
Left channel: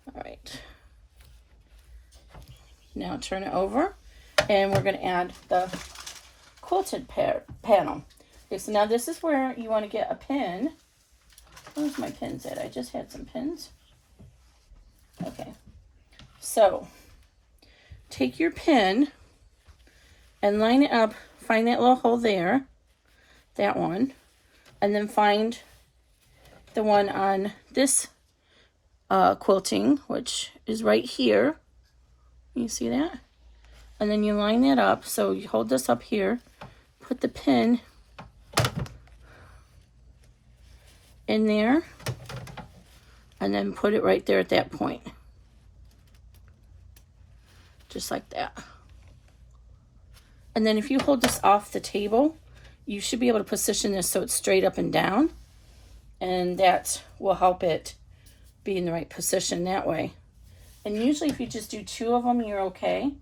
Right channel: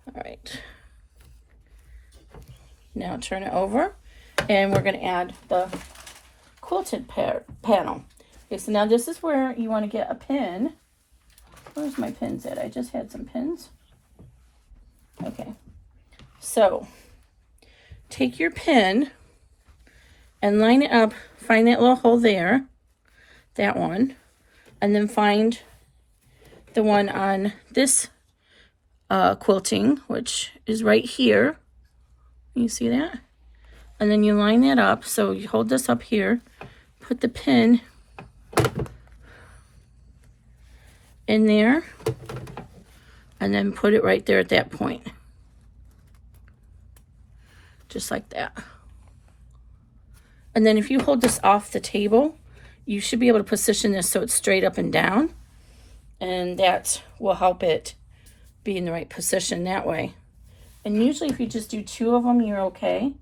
All right. Now turn it over, and we're going to add the quilted panel. Okay, so now this is where you want to get a pin. Where's my pins at? I just had some pins. Okay. So take your pin and line it up, find that little hole there, that one, and then find the one on this quilting, which is right here. You see that? And then you line that up. So you hold this up here, put the pin in there, and then put it right there at that point. Just like that. And then if you hold this off the table, you should be able to position this so it's straight up and down, and that will help it be in the right position that way. And usually if you just do 2 of them, you're okay.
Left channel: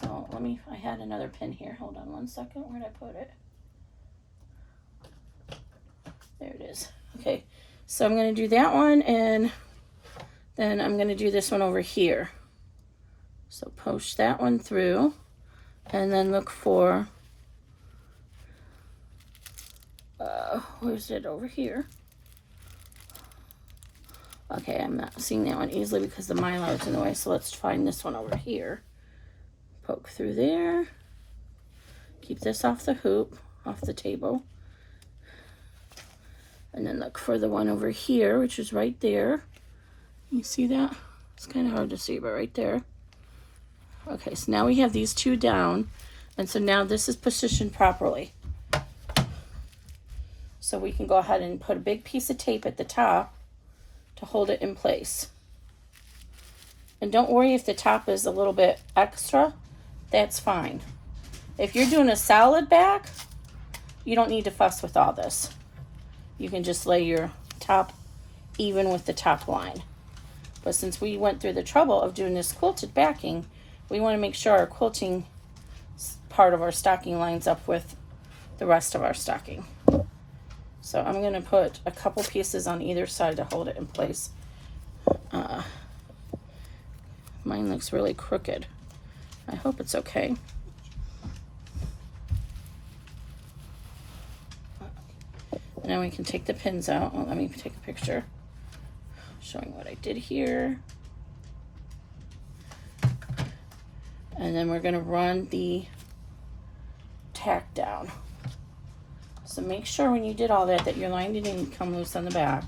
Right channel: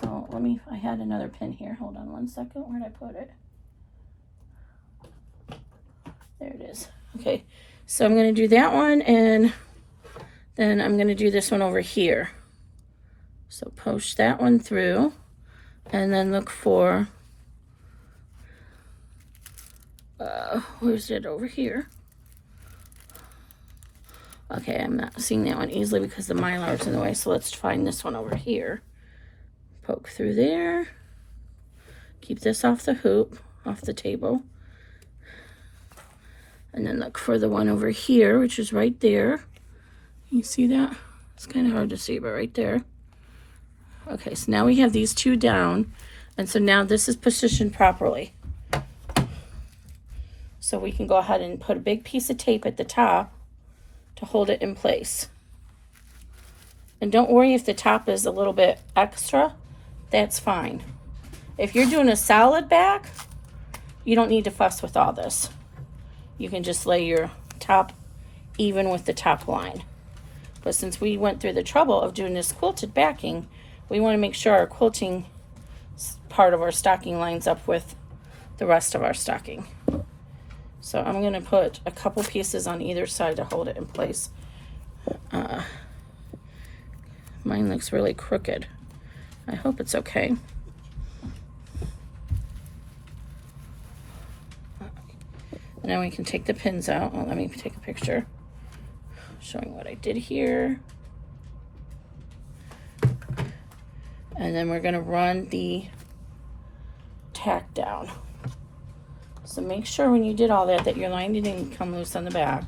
So I had another pin here. Hold on one second. Where'd I put it? There it is. Okay. So I'm going to do that one, and then I'm going to do this one over here. So push that one through, and then look for, where's it over here? Okay, I'm not seeing that one easily because the mylar is in the way, so let's find this one over here. Poke through there. Keep this off the hoop, off the table. And then look for the one over here, which is right there. You see that? It's kind of hard to see, but right there. Okay, so now we have these two down. And so now this is positioned properly. So we can go ahead and put a big piece of tape at the top to hold it in place. And don't worry if the top is a little bit extra, that's fine. If you're doing a solid back, you don't need to fuss with all this. You can just lay your top even with the top line. But since we went through the trouble of doing this quilted backing, we want to make sure our quilting part of our stocking lines up with the rest of our stocking. So I'm going to put a couple pieces on either side to hold it in place. Mine looks really crooked. I hope it's okay. Now we can take the pins out. Well, let me take a picture showing what I did here. And then we're going to run the tack down. So make sure when you did all that that your line didn't come loose on the back.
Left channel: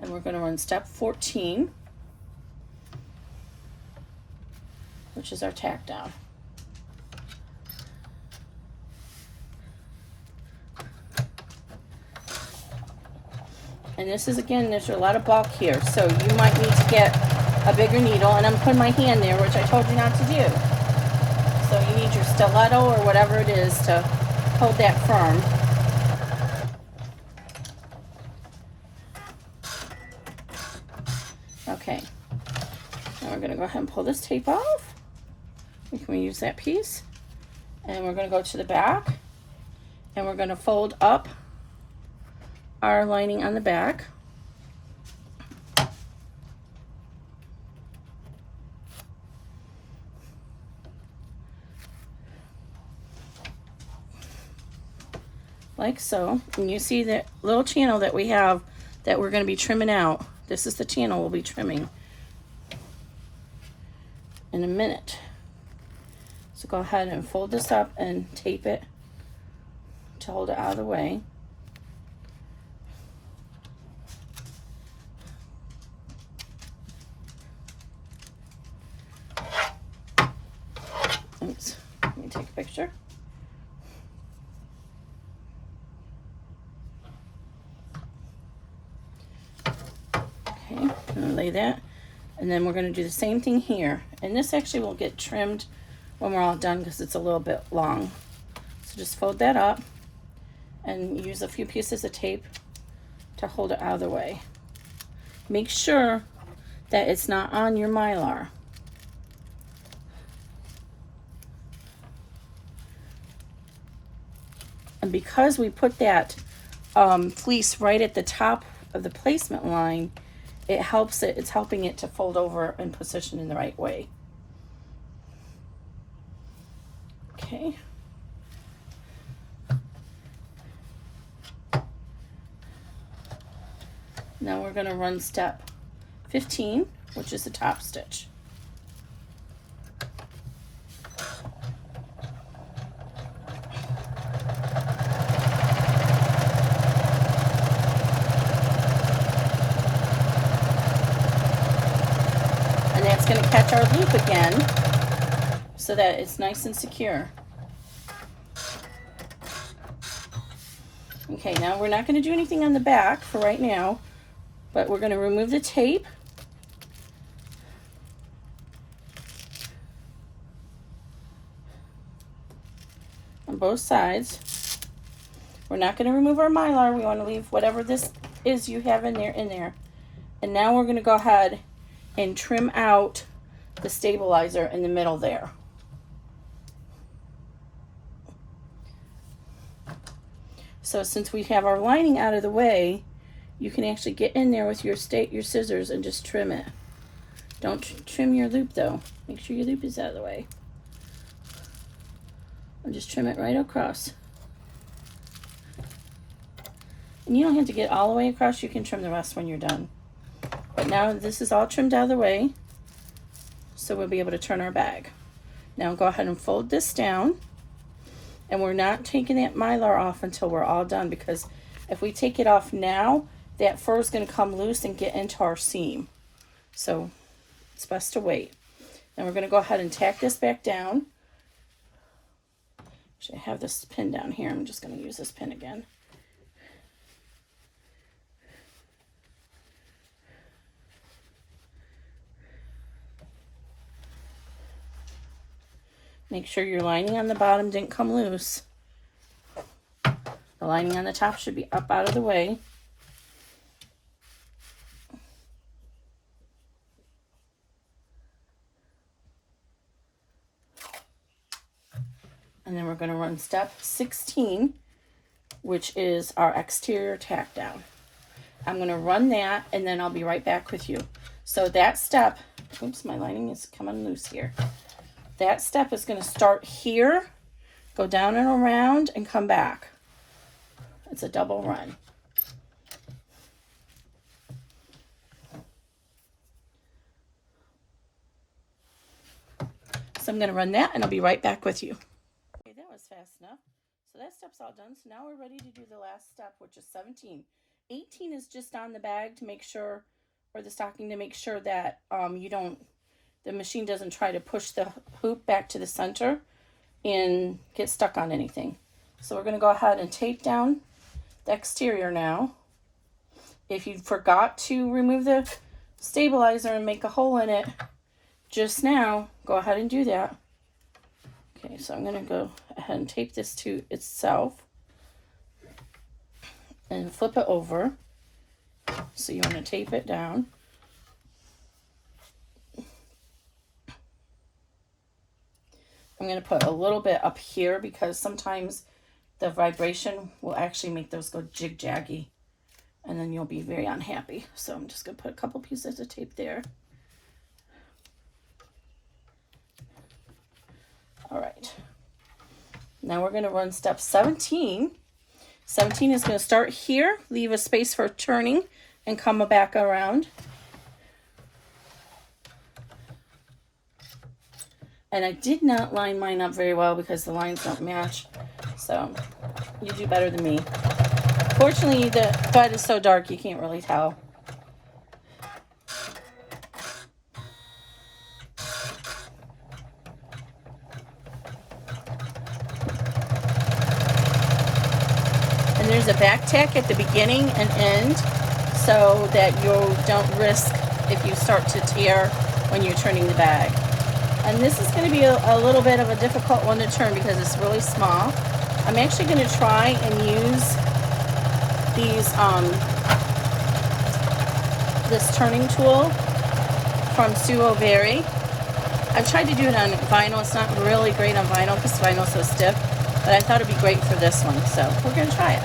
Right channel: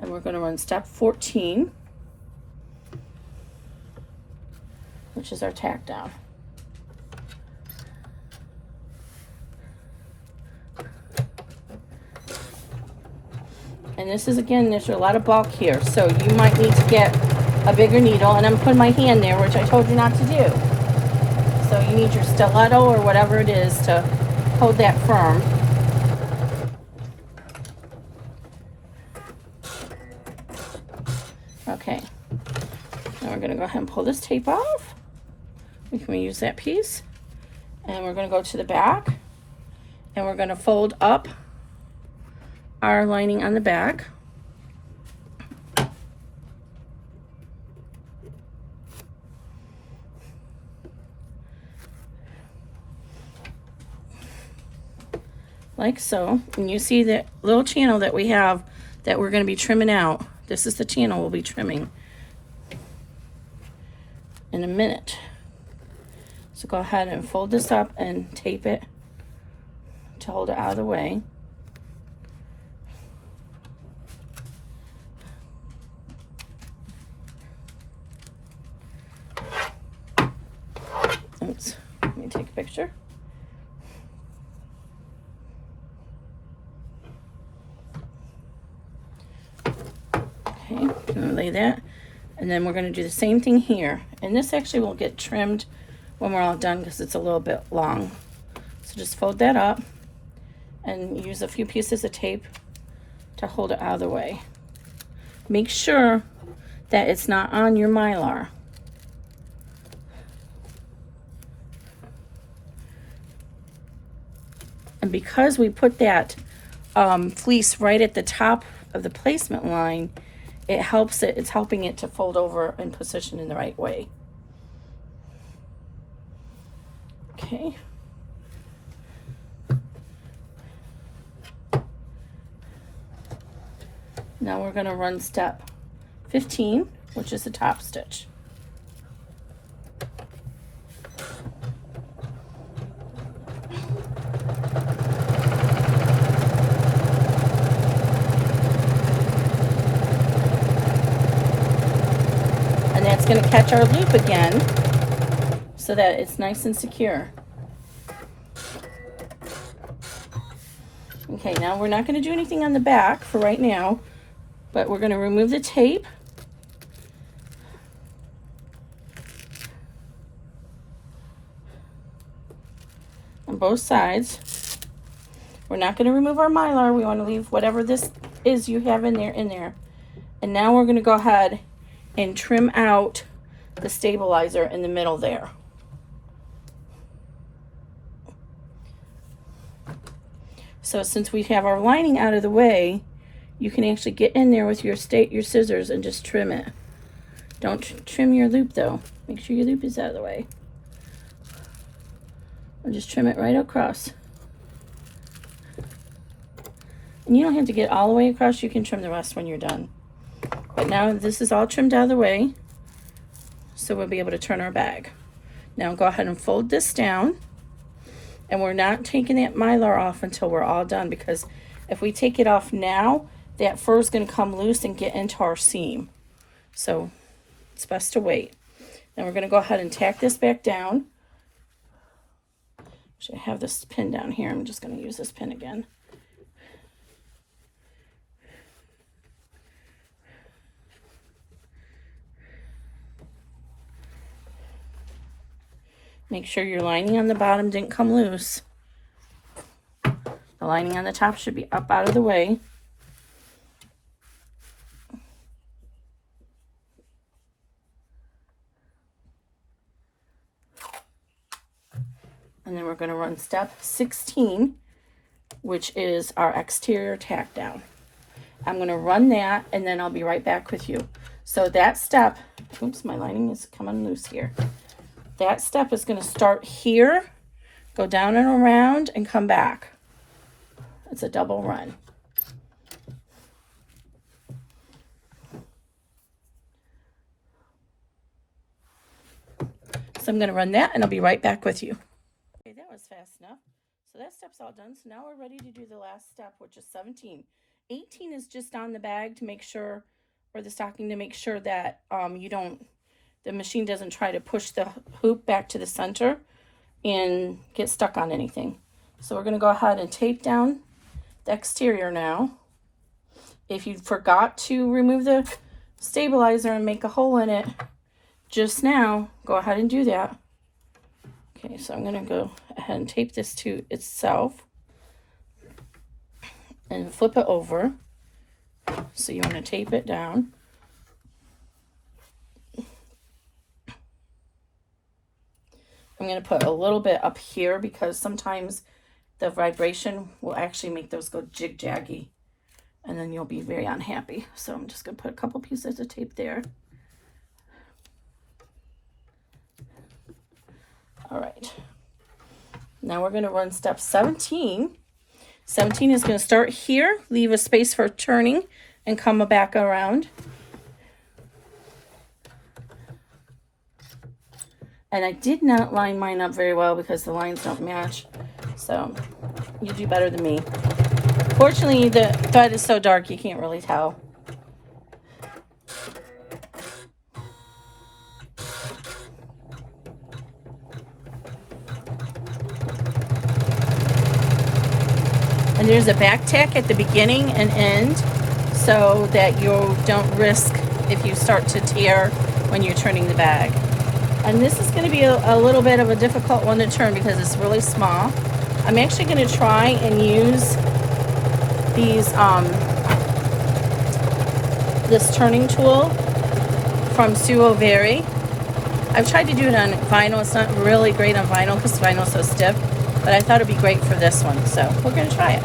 And we're going to run step 14, which is our tack down. And this is, again, there's a lot of bulk here, so you might need to get a bigger needle, and I'm putting my hand there, which I told you not to do. So you need your stiletto or whatever it is to hold that firm. Okay, now we're going to go ahead and pull this tape off. We can use that piece, and we're going to go to the back, and we're going to fold up our lining on the back. Like so. And you see that little channel that we have that we're going to be trimming out. This is the channel we'll be trimming in a minute. So go ahead and fold this up and tape it to hold it out of the way. Oops, let me take a picture. Okay, I'm gonna lay that, and then we're gonna do the same thing here. And this actually will get trimmed when we're all done because it's a little bit long. So just fold that up and use a few pieces of tape to hold it out of the way. Make sure that it's not on your mylar. And because we put that fleece right at the top of the placement line, it helps it, it's helping it to fold over and position in the right way. Okay. Now we're going to run step 15, which is the top stitch. And that's going to catch our loop again so that it's nice and secure. Okay, now we're not going to do anything on the back for right now, but we're going to remove the tape. On both sides. We're not going to remove our mylar. We want to leave whatever this is you have in there. And now we're going to go ahead and trim out the stabilizer in the middle there. So since we have our lining out of the way, you can actually get in there with your scissors and just trim it. Don't trim your loop though. Make sure your loop is out of the way. And just trim it right across. And you don't have to get all the way across. You can trim the rest when you're done. But now this is all trimmed out of the way, so we'll be able to turn our bag. Now go ahead and fold this down. And we're not taking that mylar off until we're all done, because if we take it off now, that fur is going to come loose and get into our seam. So it's best to wait. Then we're going to go ahead and tack this back down. Actually, I have this pin down here. I'm just going to use this pin again. Make sure your lining on the bottom didn't come loose. The lining on the top should be up out of the way. And then we're going to run step 16, which is our exterior tack down. I'm going to run that and then I'll be right back with you. So that step, oops, my lining is coming loose here. That step is going to start here, go down and around, and come back. It's a double run. So I'm going to run that, and I'll be right back with you. Okay, that was fast enough. So that step's all done. So now we're ready to do the last step, which is 17. 18 is just on the bag to make sure, or the stocking, to make sure that the machine doesn't try to push the hoop back to the center and get stuck on anything. So we're going to go ahead and tape down the exterior now. If you forgot to remove the stabilizer and make a hole in it just now, go ahead and do that. Okay, so I'm going to go ahead and tape this to itself and flip it over. So you want to tape it down. I'm going to put a little bit up here because sometimes the vibration will actually make those go jig-jaggy, and then you'll be very unhappy. So I'm just going to put a couple pieces of tape there. All right. Now we're going to run step 17. 17 is going to start here, leave a space for turning, and come back around. And I did not line mine up very well because the lines don't match. So you do better than me. Fortunately, the thread is so dark you can't really tell. And there's a back tack at the beginning and end so that you don't risk if you start to tear when you're turning the bag. And this is going to be a little bit of a difficult one to turn because it's really small. I'm actually going to try and use these this turning tool from Fabri-Tac. I've tried to do it on vinyl. It's not really great on vinyl because vinyl is so stiff, but I thought it'd be great for this one, so we're going to try it.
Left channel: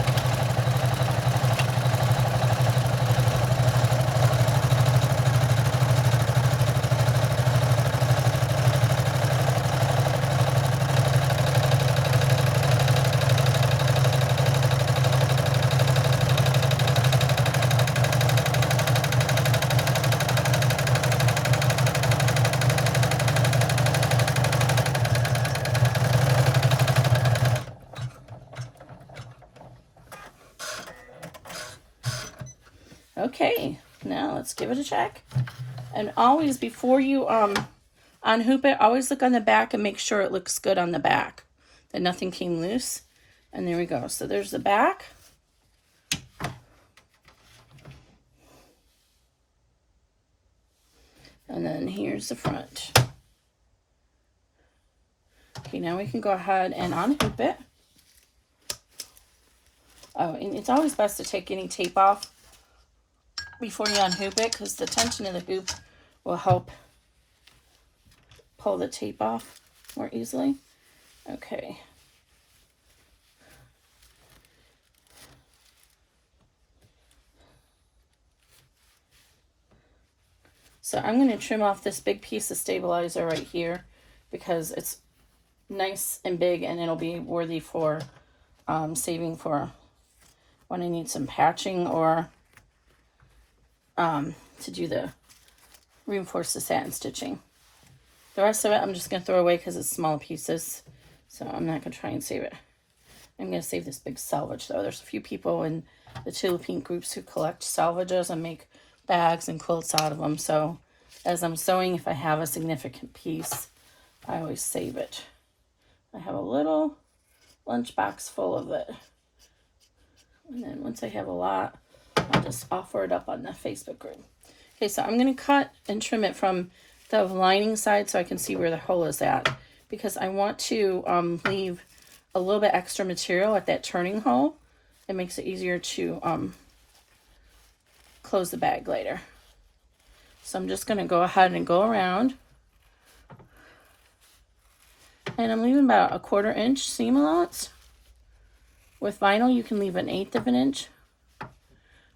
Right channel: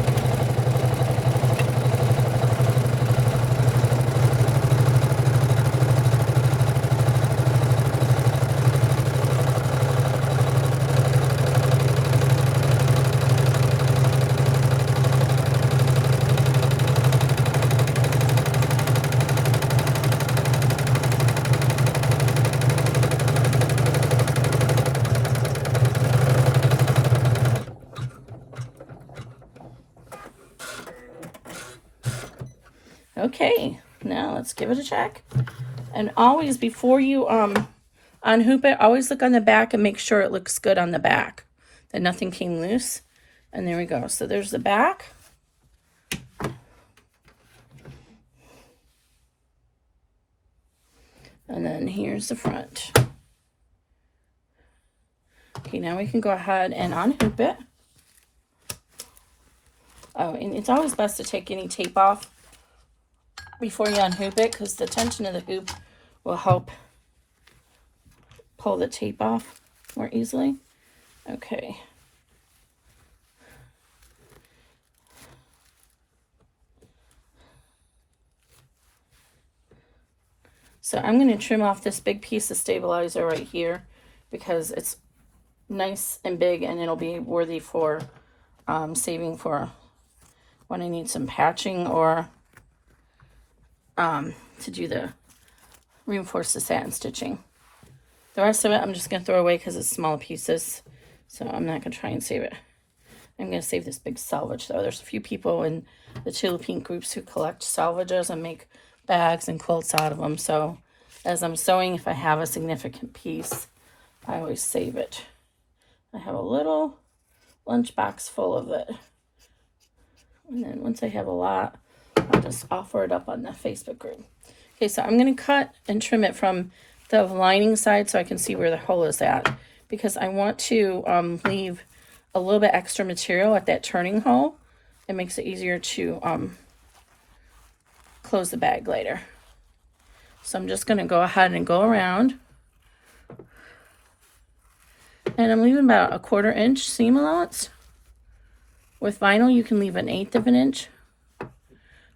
Okay, now let's give it a check. And always, before you unhoop it, always look on the back and make sure it looks good on the back, that nothing came loose. And there we go. So there's the back. And then here's the front. Okay, now we can go ahead and unhoop it. Oh, and it's always best to take any tape off before you unhoop it, because the tension of the hoop will help pull the tape off more easily. Okay. So I'm going to trim off this big piece of stabilizer right here because it's nice and big, and it'll be worthy for saving for when I need some patching or to do the reinforce the satin stitching. The rest of it I'm just going to throw away because it's small pieces, so I'm not going to try and save it. I'm going to save this big salvage though. There's a few people in the Tula Pink groups who collect salvages and make bags and quilts out of them, so as I'm sewing, if I have a significant piece, I always save it. I have a little lunchbox full of it, and then once I have a lot, I'll just offer it up on the Facebook group. Okay, so I'm going to cut and trim it from the lining side so I can see where the hole is at, because I want to leave a little bit extra material at that turning hole. It makes it easier to close the bag later. So I'm just going to go ahead and go around, and I'm leaving about a 1/4 inch seam allowance. With vinyl you can leave 1/8 of an inch.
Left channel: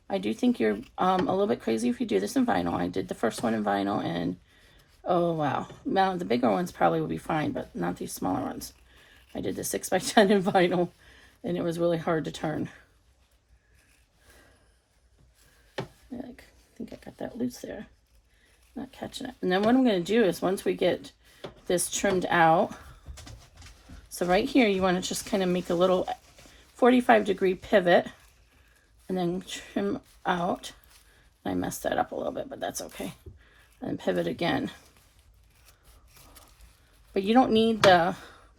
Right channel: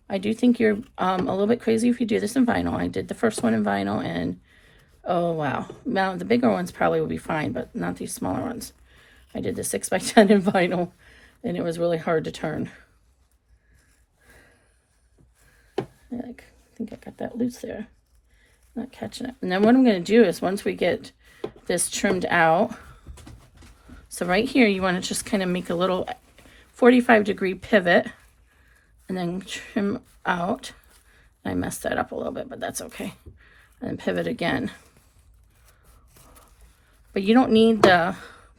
I do think you're a little bit crazy if you do this in vinyl. I did the first one in vinyl, and oh wow. Now the bigger ones probably will be fine, but not these smaller ones. I did the 6x10 in vinyl, and it was really hard to turn. I think I got that loose there. Not catching it. And then what I'm going to do is, once we get this trimmed out, so right here you want to just kind of make a little 45-degree pivot and then trim out. I messed that up a little bit, but that's okay. And then pivot again. But you don't need the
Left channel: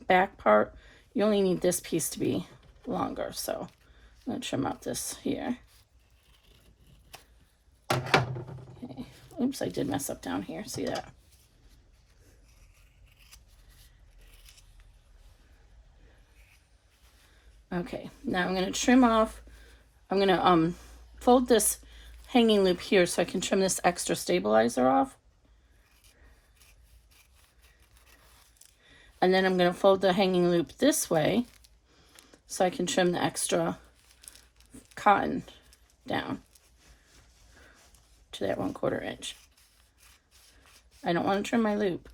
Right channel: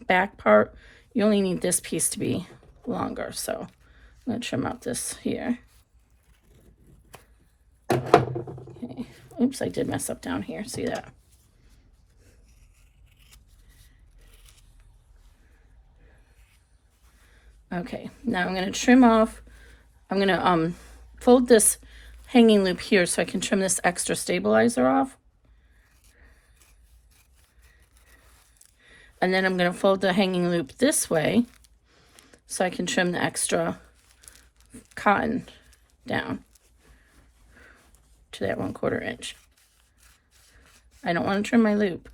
back part. You only need this piece to be longer. So I'm going to trim out this here. Okay. Oops, I did mess up down here. See that? Okay, now I'm going to trim off. I'm going to fold this hanging loop here so I can trim this extra stabilizer off. And then I'm going to fold the hanging loop this way so I can trim the extra cotton down to that 1/4 inch. I don't want to trim my loop.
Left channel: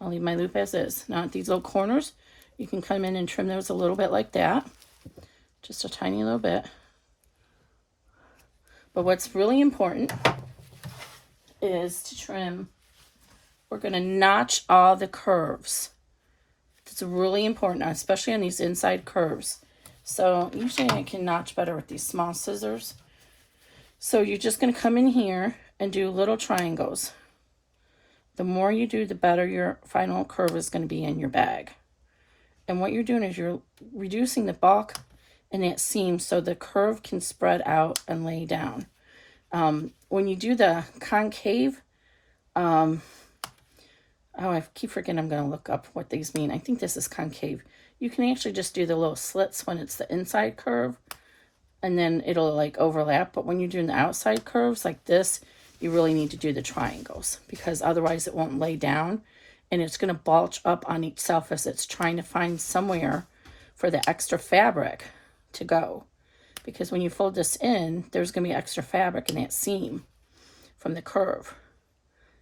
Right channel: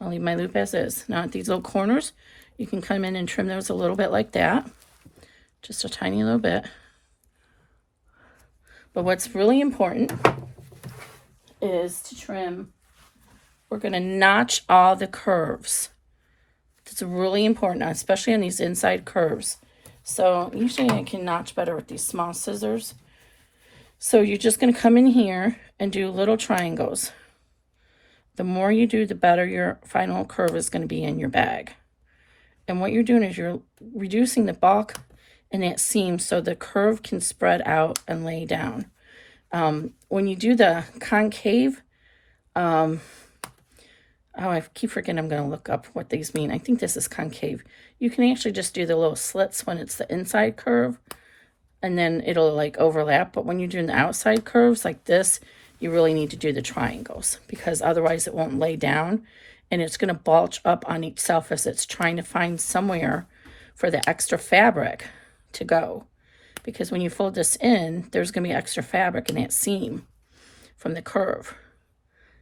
I'll leave my loop as is. Now at these little corners, you can come in and trim those a little bit like that. Just a tiny little bit. But what's really important is to trim. We're going to notch all the curves. It's really important, especially on these inside curves. So usually I can notch better with these small scissors. So you're just going to come in here and do little triangles. The more you do, the better your final curve is going to be in your bag. And what you're doing is you're reducing the bulk in that seam so the curve can spread out and lay down. When you do the concave, oh, I keep forgetting, I'm going to look up what these mean. I think this is concave. You can actually just do the little slits when it's the inside curve, and then it'll like overlap. But when you're doing the outside curves like this, you really need to do the triangles, because otherwise it won't lay down and it's going to bulge up on each self as it's trying to find somewhere for the extra fabric to go. Because when you fold this in, there's going to be extra fabric in that seam from the curve.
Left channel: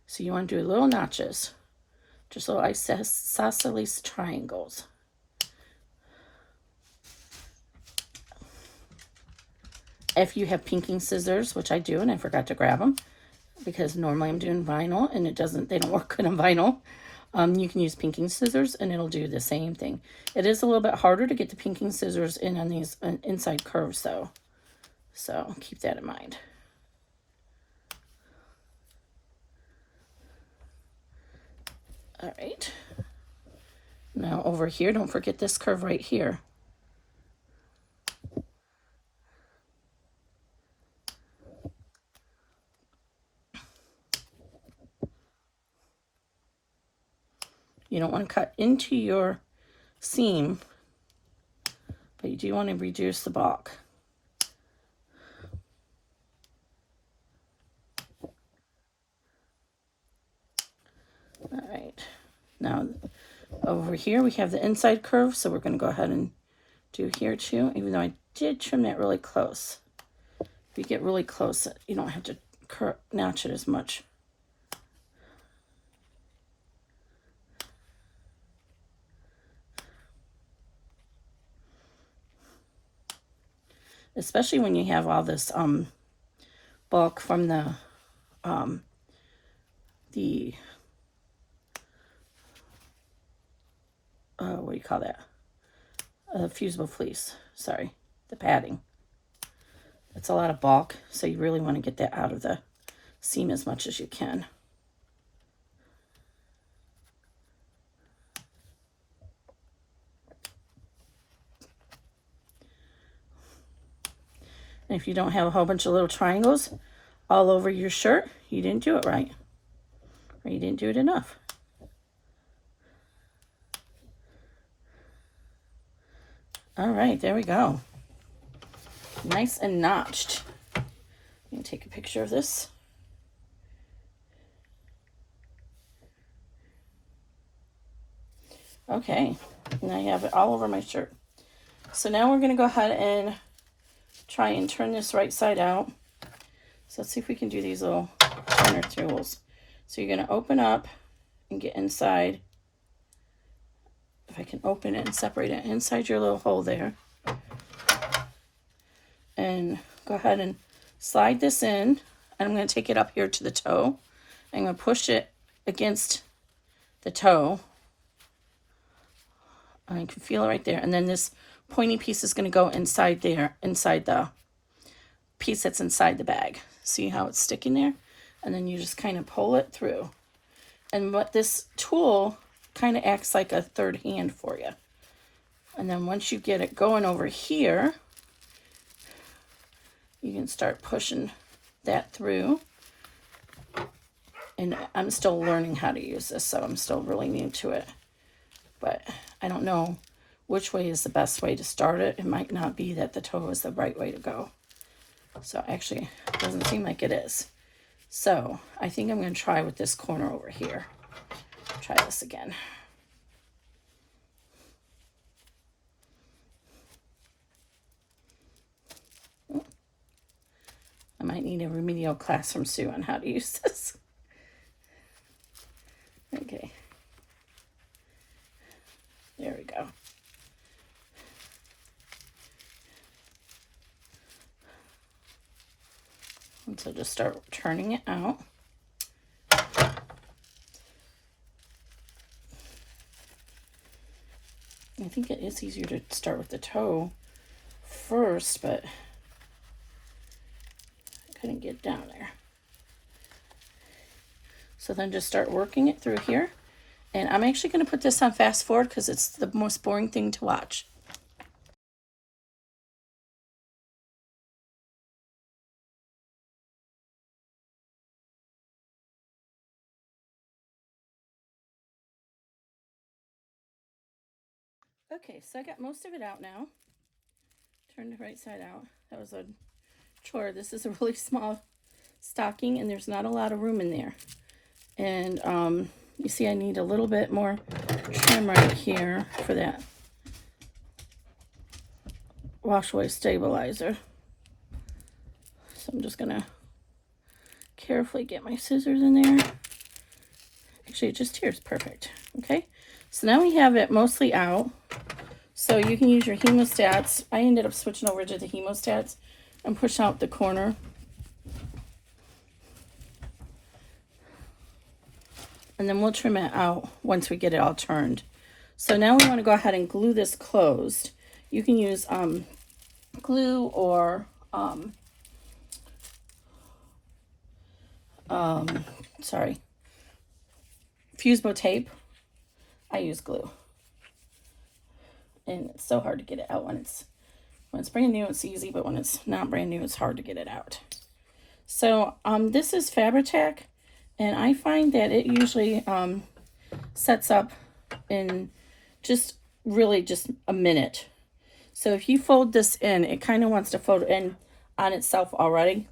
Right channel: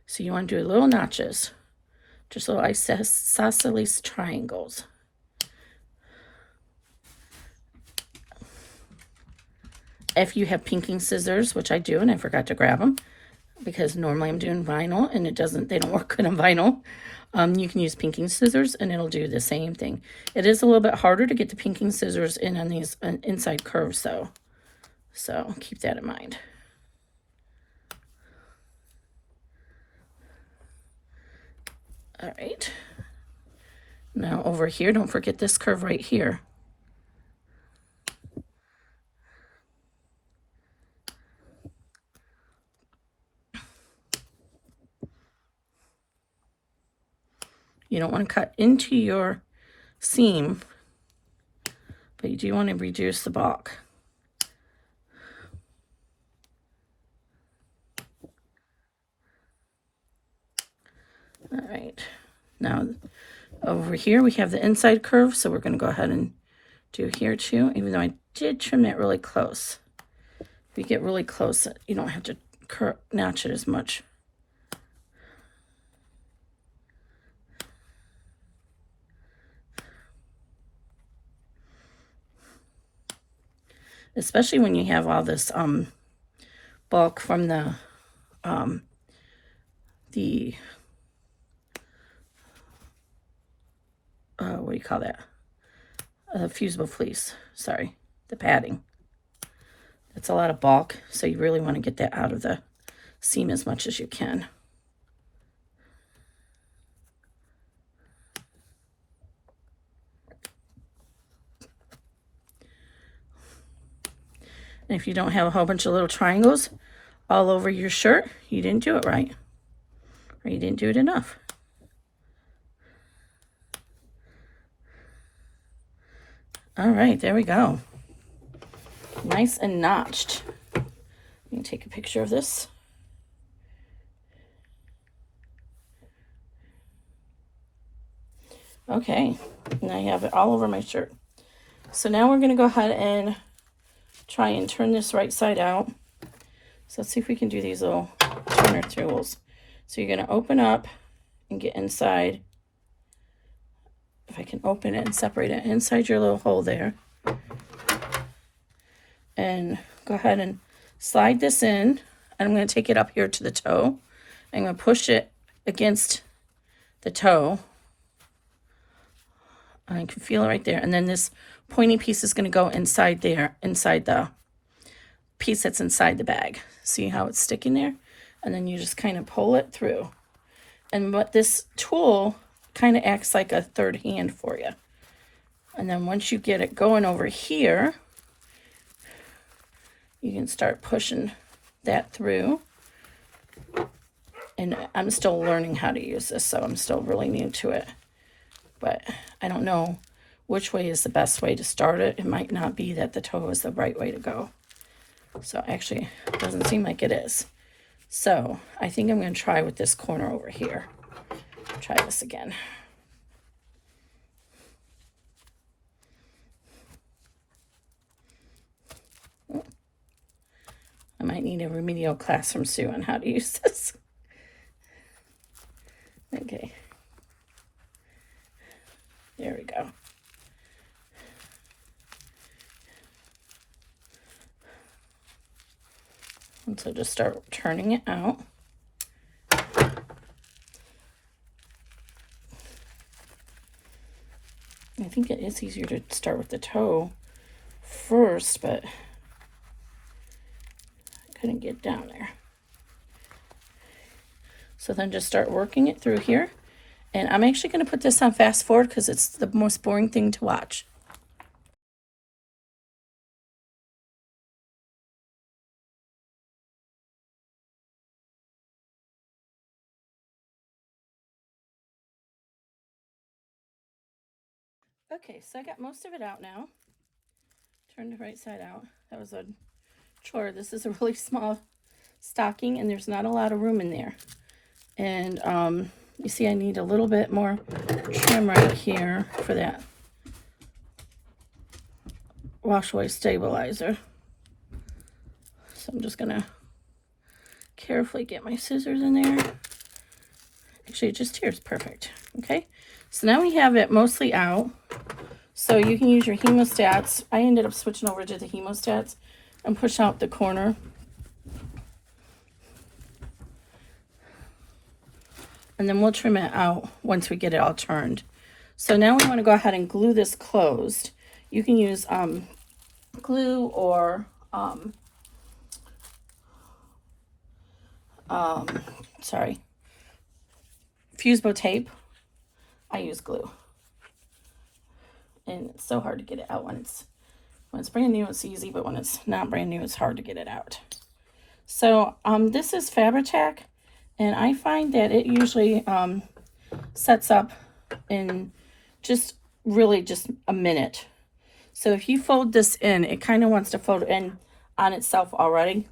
So you want to do little notches, just little isosceles triangles. If you have pinking scissors, which I do, and I forgot to grab them, because normally I'm doing vinyl and they don't work good on vinyl. You can use pinking scissors and it'll do the same thing. It is a little bit harder to get the pinking scissors in on these inside curves though. So keep that in mind. All right. Now over here, don't forget this curve right here. You don't want to cut into your seam, but you do want to reduce the bulk. All right, now over here we have the inside curve, so we're going to go ahead and do here too, even though I did trim it really close. If you get really close, you don't have to notch it as much. especially when you have all this bulk from the what do you call that? Fusible fleece. Sorry, the padding. That's a lot of bulk, so you really want to get that out of the seam as much as you can. And if you don't have a whole bunch of little triangles all over your shirt, you didn't do it right, or you didn't do it enough. All right, there we go. Nice and notched. Let me take a picture of this. Okay, and I have it all over my shirt. So now we're gonna go ahead and try and turn this right side out. So let's see if we can do these little turner tools. So you're gonna open up and get inside. If I can open it and separate it inside your little hole there. And go ahead and slide this in. And I'm gonna take it up here to the toe. I'm gonna push it against the toe. I can feel it right there. And then this pointy piece is gonna go inside there, inside the piece that's inside the bag. See how it's sticking there? And then you just kind of pull it through. And what this tool kind of acts like a third hand for you. And then once you get it going over here, you can start pushing that through. And I'm still learning how to use this, so I'm still really new to it. But I don't know which way is the best way to start it. It might not be that the toe is the right way to go. So actually, it doesn't seem like it is. So I think I'm going to try with this corner over here. Try this again. I might need a remedial class from Sue on how to use this. Okay. There we go. And so just start turning it out. I think it is easier to start with the toe first, but I couldn't get down there. So then just start working it through here. And I'm actually going to put this on fast forward because it's the most boring thing to watch. Okay, so I got most of it out now. Turn the right side out. That was a chore. This is a really small stocking and there's not a lot of room in there. And you see I need a little bit more trim right here for that wash away stabilizer. So I'm just gonna carefully get my scissors in there. Actually, just here is perfect. Okay, so now we have it mostly out. So you can use your hemostats. I ended up switching over to the hemostats and push out the corner. And then we'll trim it out once we get it all turned. So now we want to go ahead and glue this closed. You can use glue or fusible tape. I use glue. And it's so hard to get it out when it's brand new, it's easy, but when it's not brand new, it's hard to get it out. So this is Fabri-Tac, and I find that it usually sets up in just a minute. So if you fold this in, it kind of wants to fold in on itself already.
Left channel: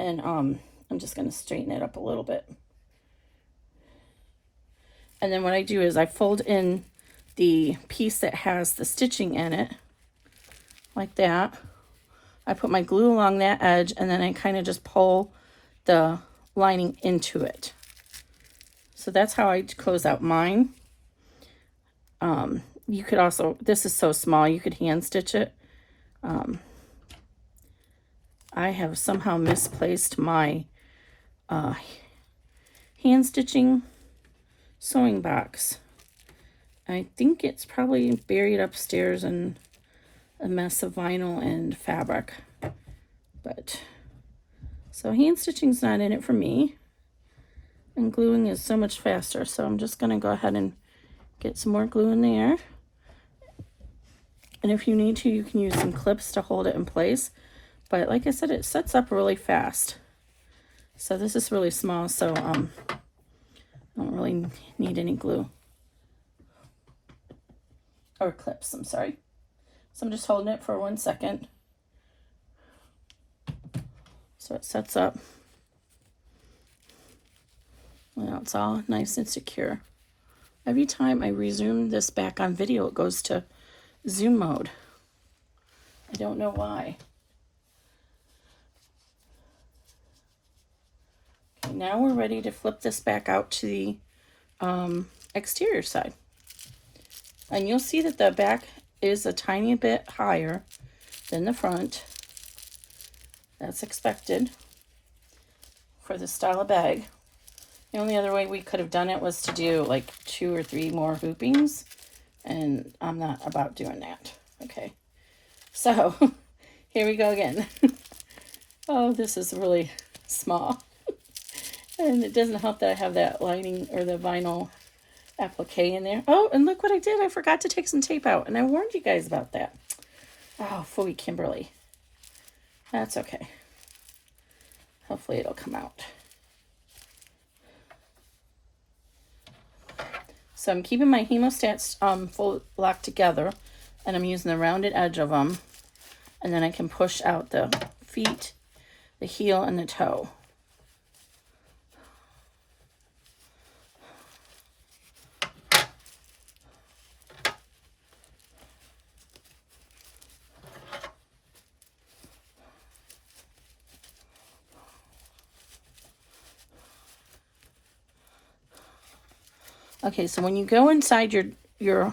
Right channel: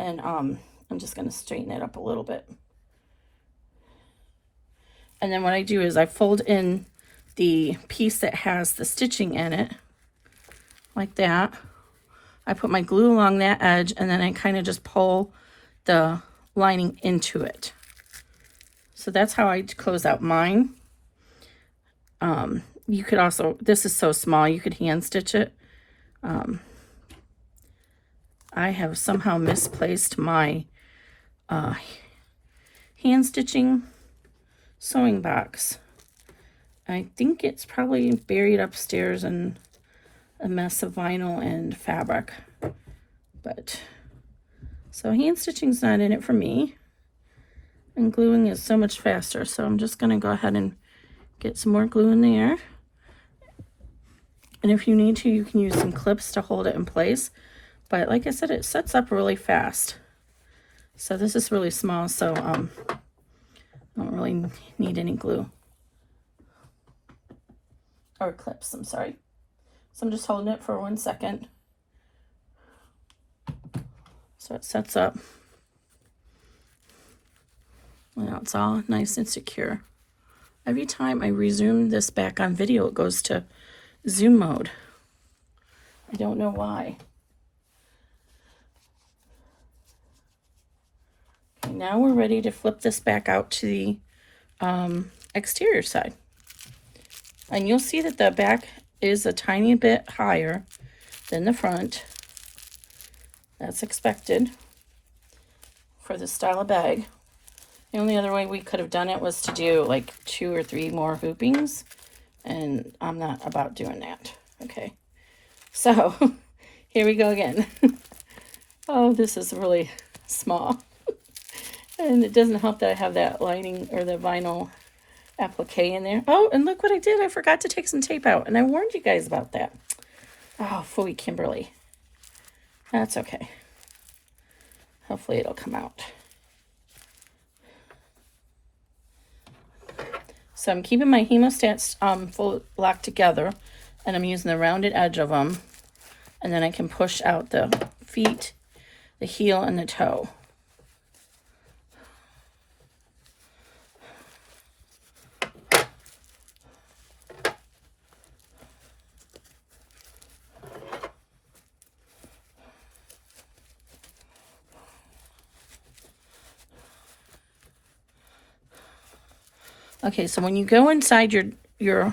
And I'm just going to straighten it up a little bit. And then what I do is I fold in the piece that has the stitching in it, like that. I put my glue along that edge, and then I kind of just pull the lining into it. So that's how I close out mine. You could also, this is so small, you could hand stitch it. I have somehow misplaced my hand stitching sewing box. I think it's probably buried upstairs in a mess of vinyl and fabric. But so hand stitching's not in it for me. And gluing is so much faster. So I'm just going to go ahead and get some more glue in there. And if you need to, you can use some clips to hold it in place. But like I said, it sets up really fast. So this is really small, so I don't really need any glue. Or clips, I'm sorry. So I'm just holding it for 1 second. So it sets up. Now it's all nice and secure. Every time I resume this back on video, it goes to zoom mode. I don't know why. Okay, now we're ready to flip this back out to the exterior side. And you'll see that the back is a tiny bit higher than the front. That's expected for this style of bag. The only other way we could have done it was to do like 2 or 3 more hoopings, and I'm not about doing that. Okay, so here we go again. Oh, this is really small. And it doesn't help that I have that lining or the vinyl applique in there. Oh, and look what I did. I forgot to take some tape out, and I warned you guys about that. Oh, phooey, Kimberly. That's okay. Hopefully it'll come out. So I'm keeping my hemostats full locked together, and I'm using the rounded edge of them, and then I can push out the feet, the heel, and the toe. Okay, so when you go inside your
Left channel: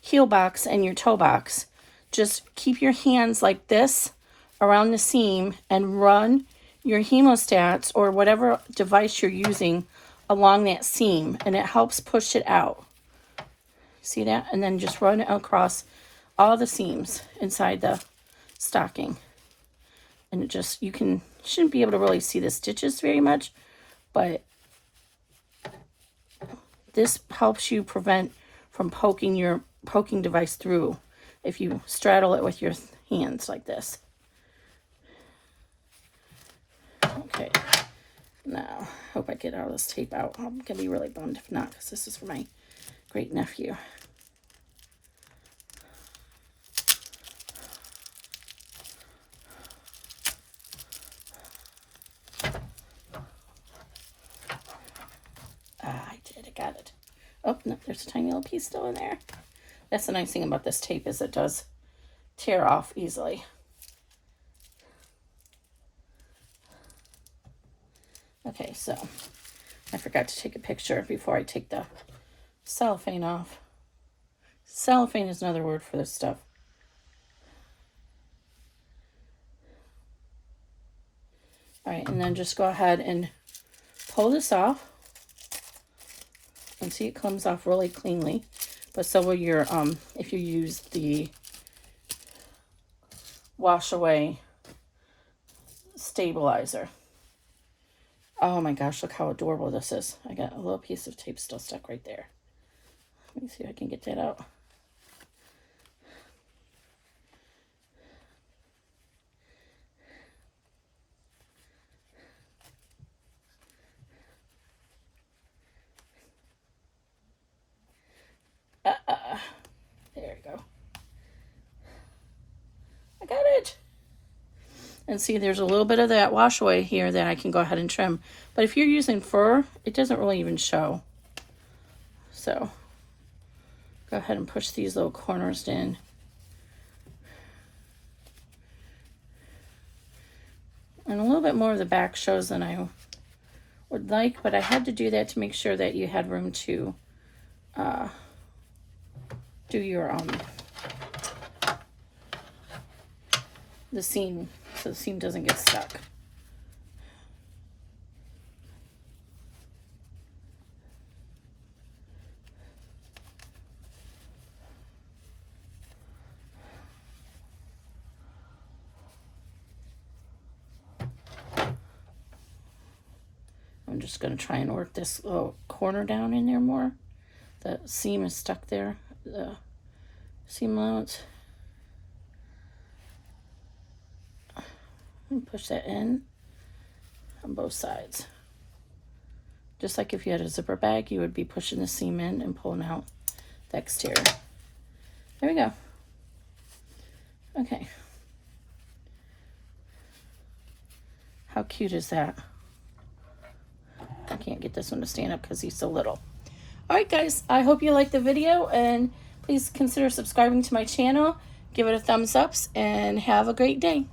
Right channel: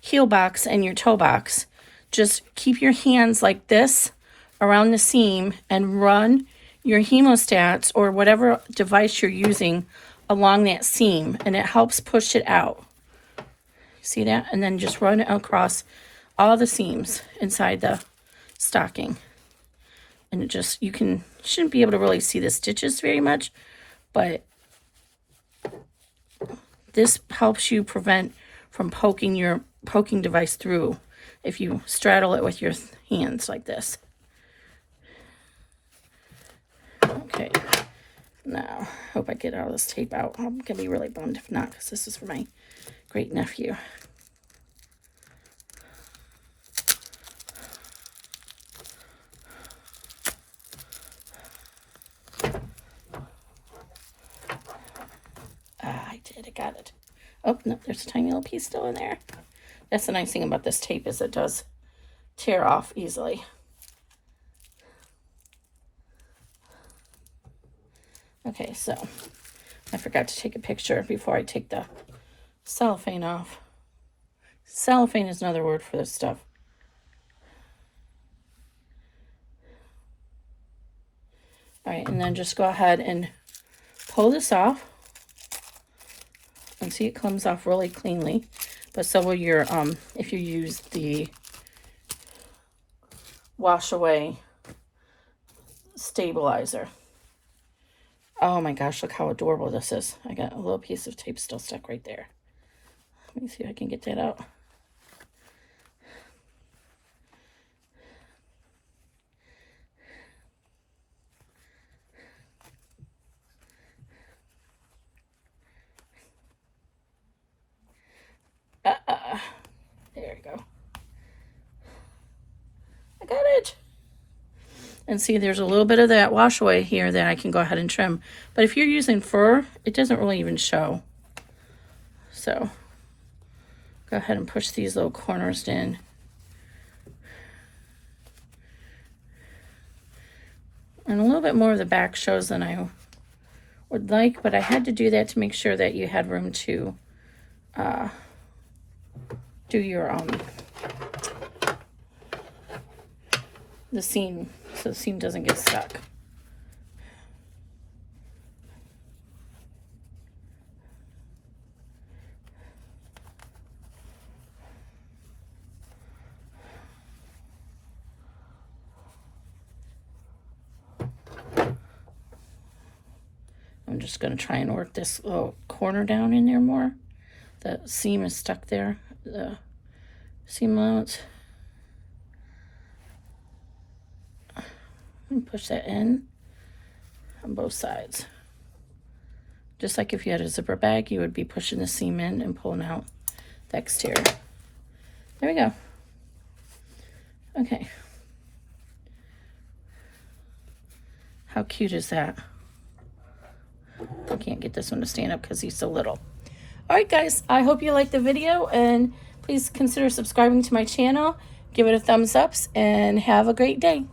heel box and your toe box, just keep your hands like this around the seam and run your hemostats or whatever device you're using along that seam, and it helps push it out. See that? And then just run it across all the seams inside the stocking. And it just, you shouldn't be able to really see the stitches very much, but this helps you prevent from poking your poking device through if you straddle it with your hands like this. Okay, now hope I get all this tape out. I'm gonna be really bummed if not, because this is for my great nephew. Got it. Oh, no, there's a tiny little piece still in there. That's the nice thing about this tape, is it does tear off easily. Okay, so I forgot to take a picture before I take the cellophane off. Cellophane is another word for this stuff. All right, and then just go ahead and pull this off. And see, it comes off really cleanly, but so will your, if you use the wash away stabilizer. Oh my gosh, look how adorable this is. I got a little piece of tape still stuck right there. Let me see if I can get that out. There we go. I got it. And see, there's a little bit of that wash away here that I can go ahead and trim. But if you're using fur, it doesn't really even show. So go ahead and push these little corners in. And a little bit more of the back shows than I would like, but I had to do that to make sure that you had room to do your the seam so the seam doesn't get stuck. I'm just going to try and work this little corner down in there more. The seam is stuck there, the seam allowance. And push that in on both sides. Just like if you had a zipper bag, you would be pushing the seam in and pulling out the exterior. There we go. Okay. How cute is that? I can't get this one to stand up because he's so little. Alright guys, I hope you liked the video, and please consider subscribing to my channel, give it a thumbs up, and have a great day.